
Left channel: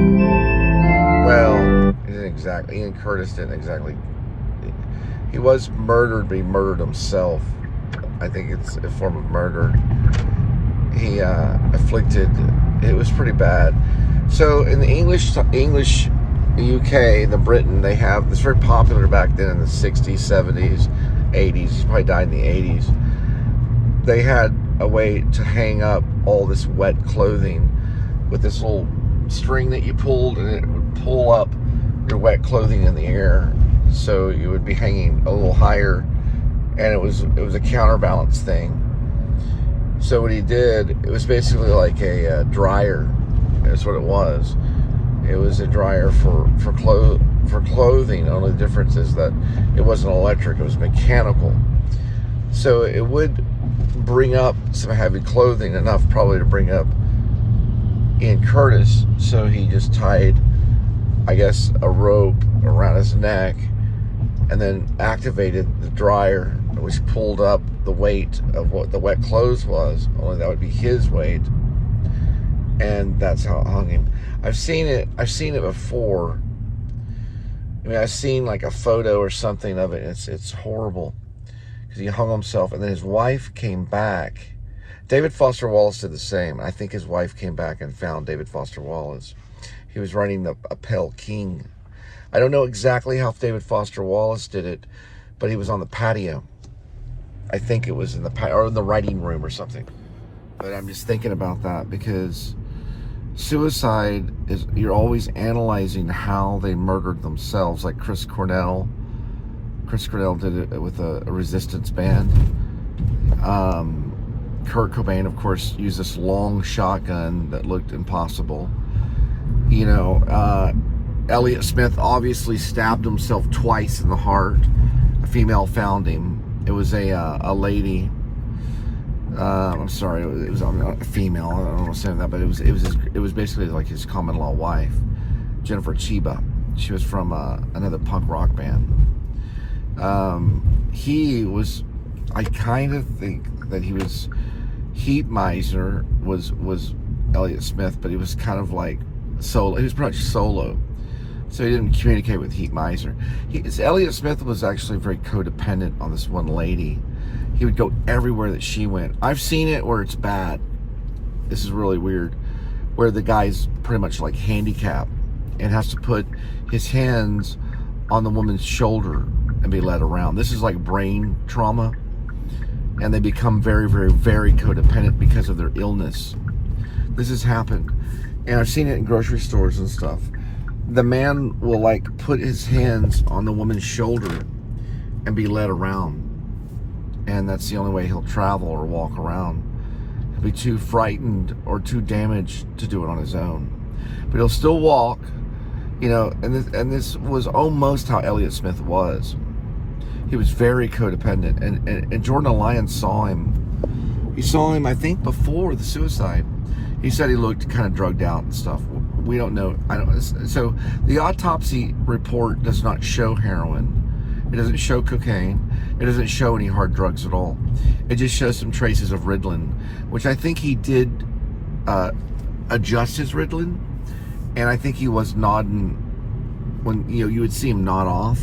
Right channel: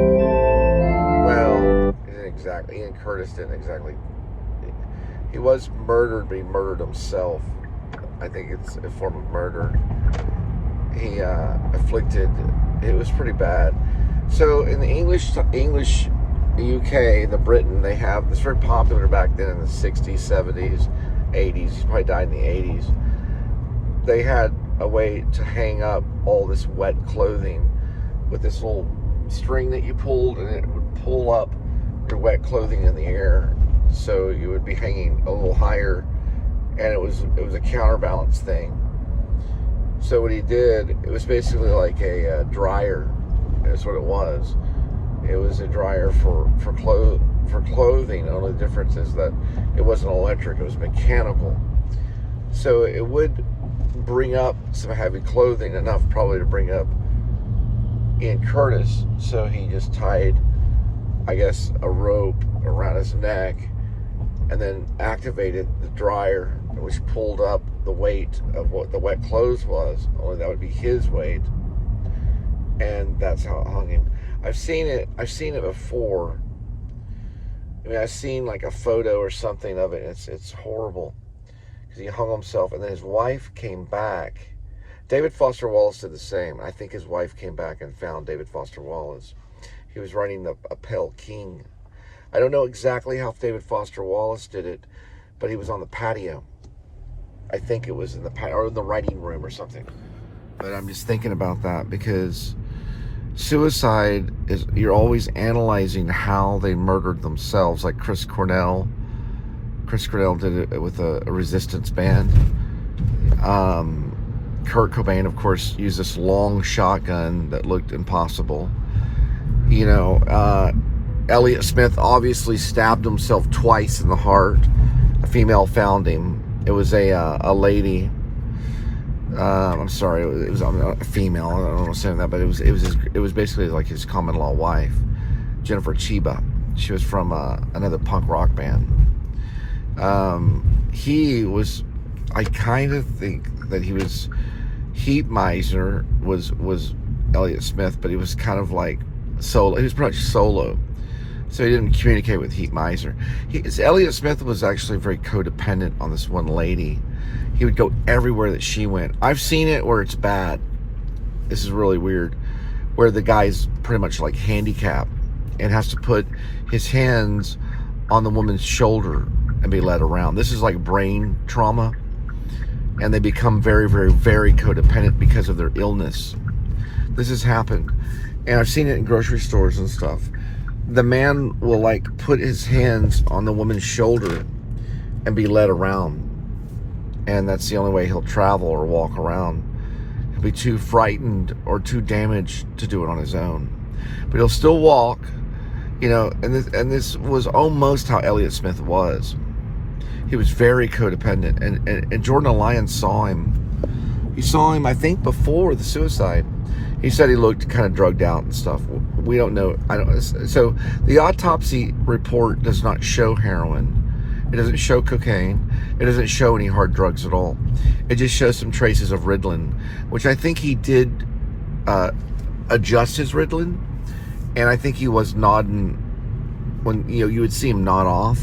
Well, he didn't exactly. Ian Curtis didn't exactly. He was murdered, but he murdered himself. I think it's a form of murder. He afflicted. It was pretty bad. So in the English UK, the Britain, they have this very popular back then in the 60s, 70s, 80s. He probably died in the 80s. They had a way to hang up all this wet clothing with this little string that you pulled, and it would pull up your wet clothing in the air, so you would be hanging a little higher, and it was a counterbalance thing. So what he did, it was basically like a dryer. That's what it was. It was a dryer for clothing. The only difference is that it wasn't electric, it was mechanical. So it would bring up some heavy clothing, enough probably to bring up Ian Curtis. So he just tied, I guess, a rope around his neck and then activated the dryer, which pulled up the weight of what the wet clothes was. Only that would be his weight. And that's how it hung him. I've seen it before. I mean, I've seen like a photo or something of it. It's horrible, because he hung himself, and then his wife came back. David Foster Wallace did the same. I think his wife came back and found David Foster Wallace. He was running a Pale King. I don't know exactly how David Foster Wallace did it, but he was on the patio. I think it was in the writing room or something. But I'm just thinking about that, because suicide is, you're always analyzing how they murdered themselves. Like Chris Cornell did it with a resistance band. Kurt Cobain, of course, used this long shotgun that looked impossible. You know, Elliott Smith obviously stabbed himself twice in the heart. A female found him. It was a lady. I'm sorry, it was a female. I don't understand that, but it was basically like his common law wife, Jennifer Chiba. She was from another punk rock band. He was, I kind of think that he was, Heat Miser was Elliott Smith, but he was kind of like solo. He was pretty much solo, so he didn't communicate with Heat Miser. Elliott Smith was actually very codependent on this one lady. He would go everywhere that she went. I've seen it where it's bad. This is really weird, where the guy's pretty much like handicapped and has to put his hands on the woman's shoulder and be led around. This is like brain trauma, and they become very, very, very codependent because of their illness. This has happened, and I've seen it in grocery stores and stuff. The man will like put his hands on the woman's shoulder and be led around, and that's the only way he'll travel or walk around. He'll be too frightened or too damaged to do it on his own, but he'll still walk, you know. And this was almost how Elliott Smith was. He was very codependent, and Jordan Alliance saw him. He saw him, I think, before the suicide. He said he looked kind of drugged out and stuff. We don't know. So the autopsy report does not show heroin. It doesn't show cocaine. It doesn't show any hard drugs at all. It just shows some traces of Ritalin, which I think he did adjust his Ritalin, and I think he was nodding when, you know, you would see him nod off.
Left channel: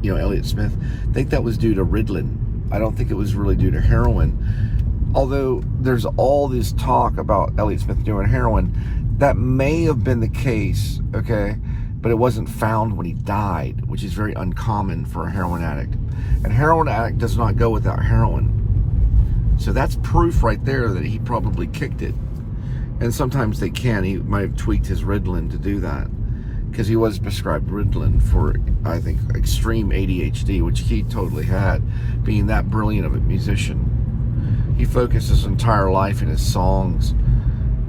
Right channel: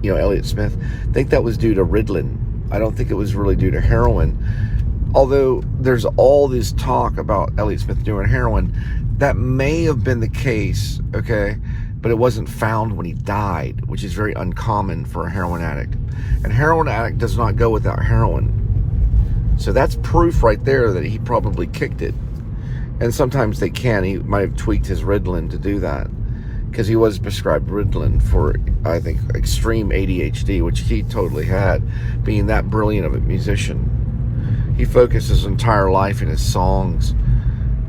You know, Elliott Smith. I think that was due to Ritalin. I don't think it was really due to heroin. Although there's all this talk about Elliott Smith doing heroin, that may have been the case, okay? But it wasn't found when he died, which is very uncommon for a heroin addict. And heroin addict does not go without heroin. So that's proof right there that he probably kicked it. And sometimes they can. He might have tweaked his Ritalin to do that, because he was prescribed Ritalin for, I think, extreme ADHD, which he totally had, being that brilliant of a musician. He focused his entire life in his songs,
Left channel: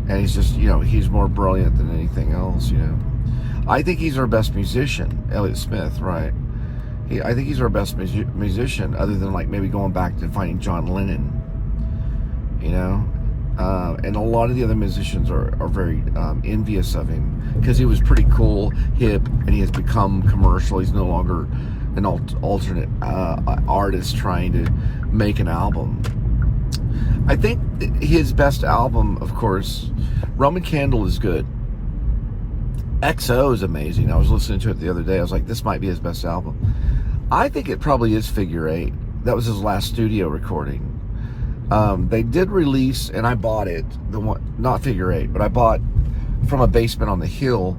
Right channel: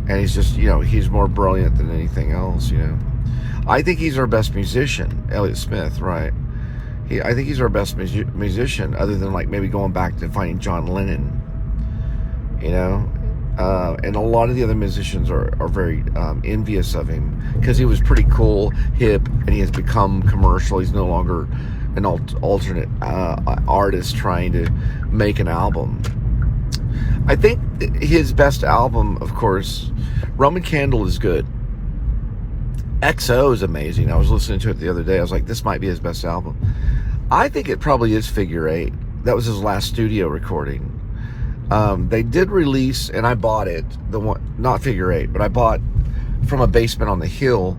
and he's just, you know, he's more brilliant than anything else, you know. I think he's our best musician, Elliott Smith, right? I think he's our best musician, other than like maybe going back to finding John Lennon, you know. And a lot of the other musicians are very envious of him, because he was pretty cool, hip, and he has become commercial. He's no longer an alternate artist trying to make an album. I think his best album, of course, Roman Candle is good. XO is amazing. I was listening to it the other day. I was like, this might be his best album. I think it probably is Figure 8. That was his last studio recording. They did release, and I bought it, the one, not Figure 8, but I bought From a Basement on the Hill.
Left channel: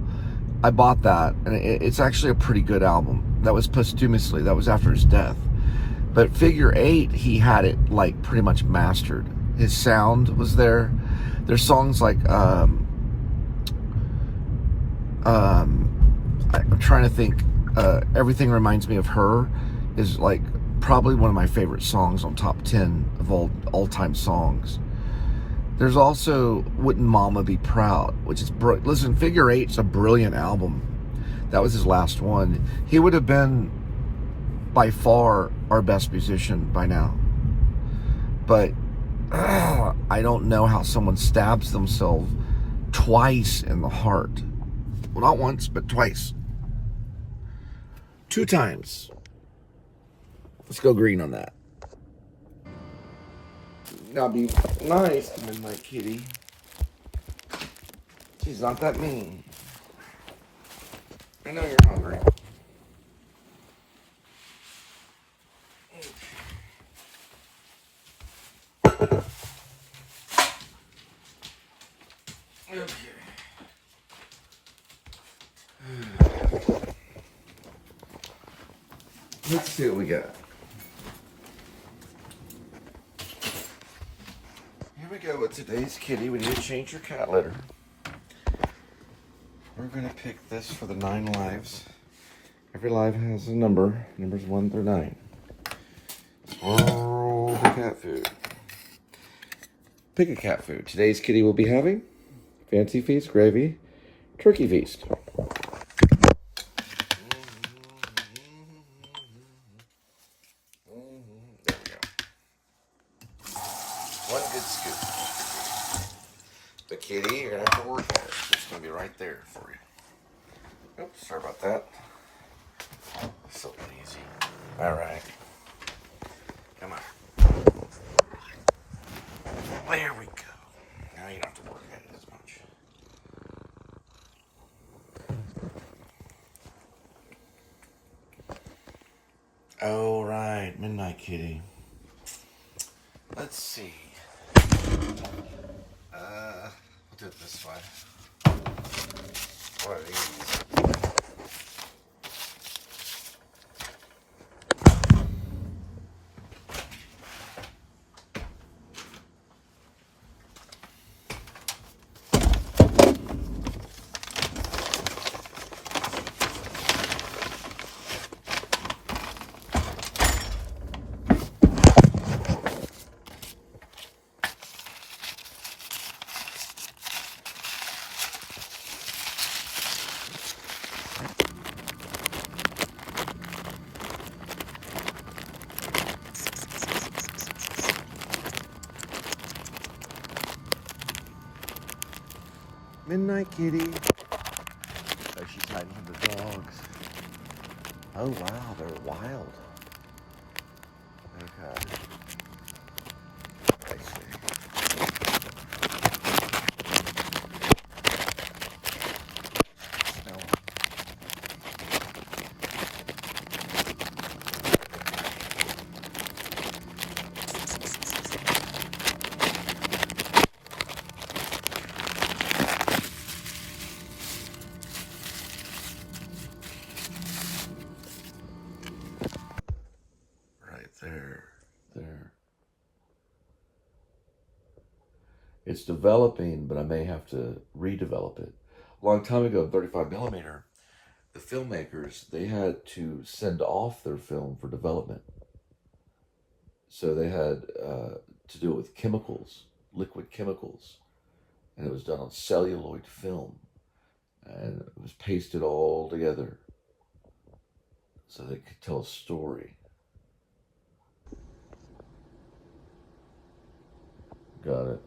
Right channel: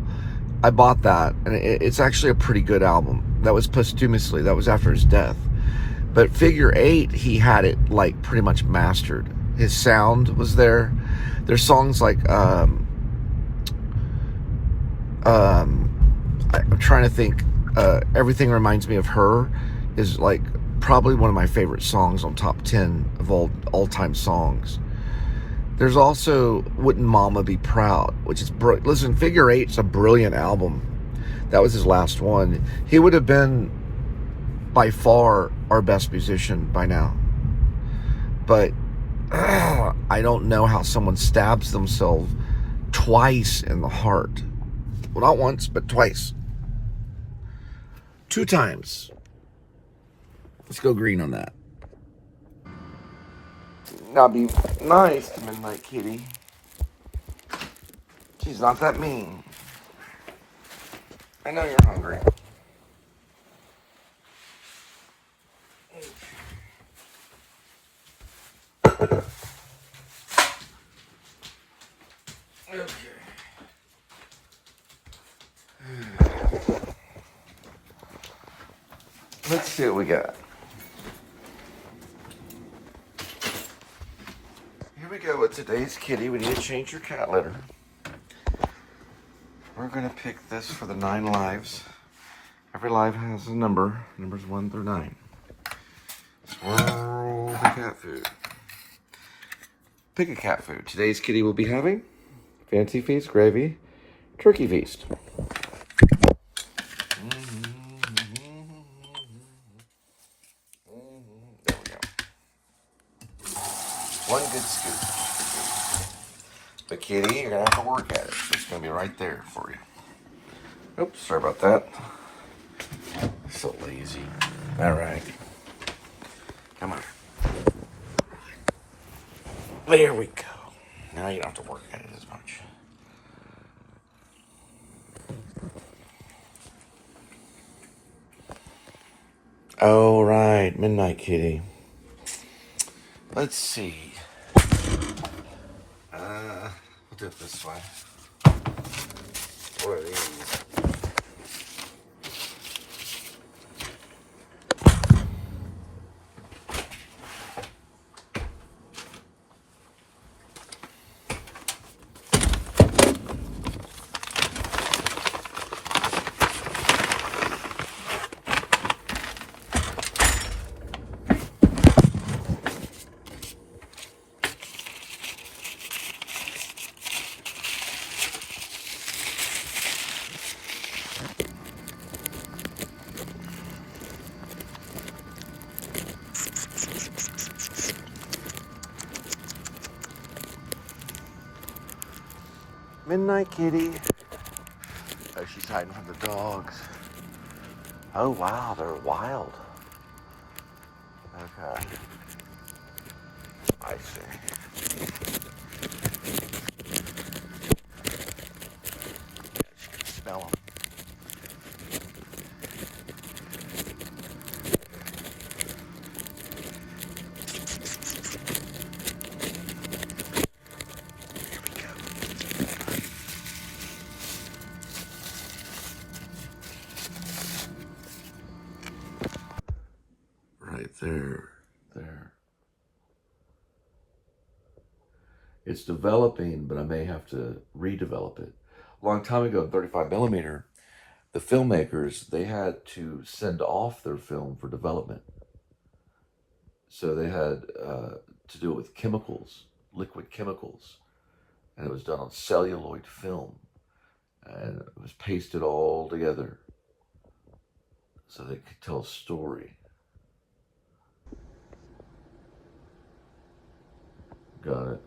I bought that, and it's actually a pretty good album. That was posthumously, that was after his death. But Figure 8, he had it like pretty much mastered. His sound was there. There's songs like, I'm trying to think, Everything Reminds Me of Her is like probably one of my favorite songs on top 10 of all-time songs. There's also Wouldn't Mama Be Proud, which is listen, Figure 8's a brilliant album. That was his last one. He would have been by far our best musician by now. But I don't know how someone stabs themselves twice in the heart. Well, not once, but twice. 2 times. Let's go green on that. Now be nice to Midnight Kitty. She's not that mean. I know you're hungry. Okay. Let's see what we got. Here we go with today's kitty. We need to change your cat litter. We're going to pick this for the 9 lives. Every live has a number. Numbers 1 through 9. Swirl the cat food. Pick a cat food. Today's kitty will be having Fancy Feast Gravy Turkey Feast. kitty. You're gonna have to work at it. It's gonna be right there for you. Oops, sorry about that. So lazy. All right. Come on. There we go. Now you don't have to work at it as much. All right, Midnight Kitty. Let's see. We'll do it this way. What are these? Midnight Kitty. Oh, she's hiding from the dogs. Oh, wow, they're wild. Okay. I see. Smell them. Right there. It's developing, but I may have to redevelop it. A long time ago, 35mm, the filmmakers, they had to send off their film for development. So they had to do it with chemicals, liquid chemicals. And it was done on celluloid film. And it was pasted all together so they could tell a story. Got it.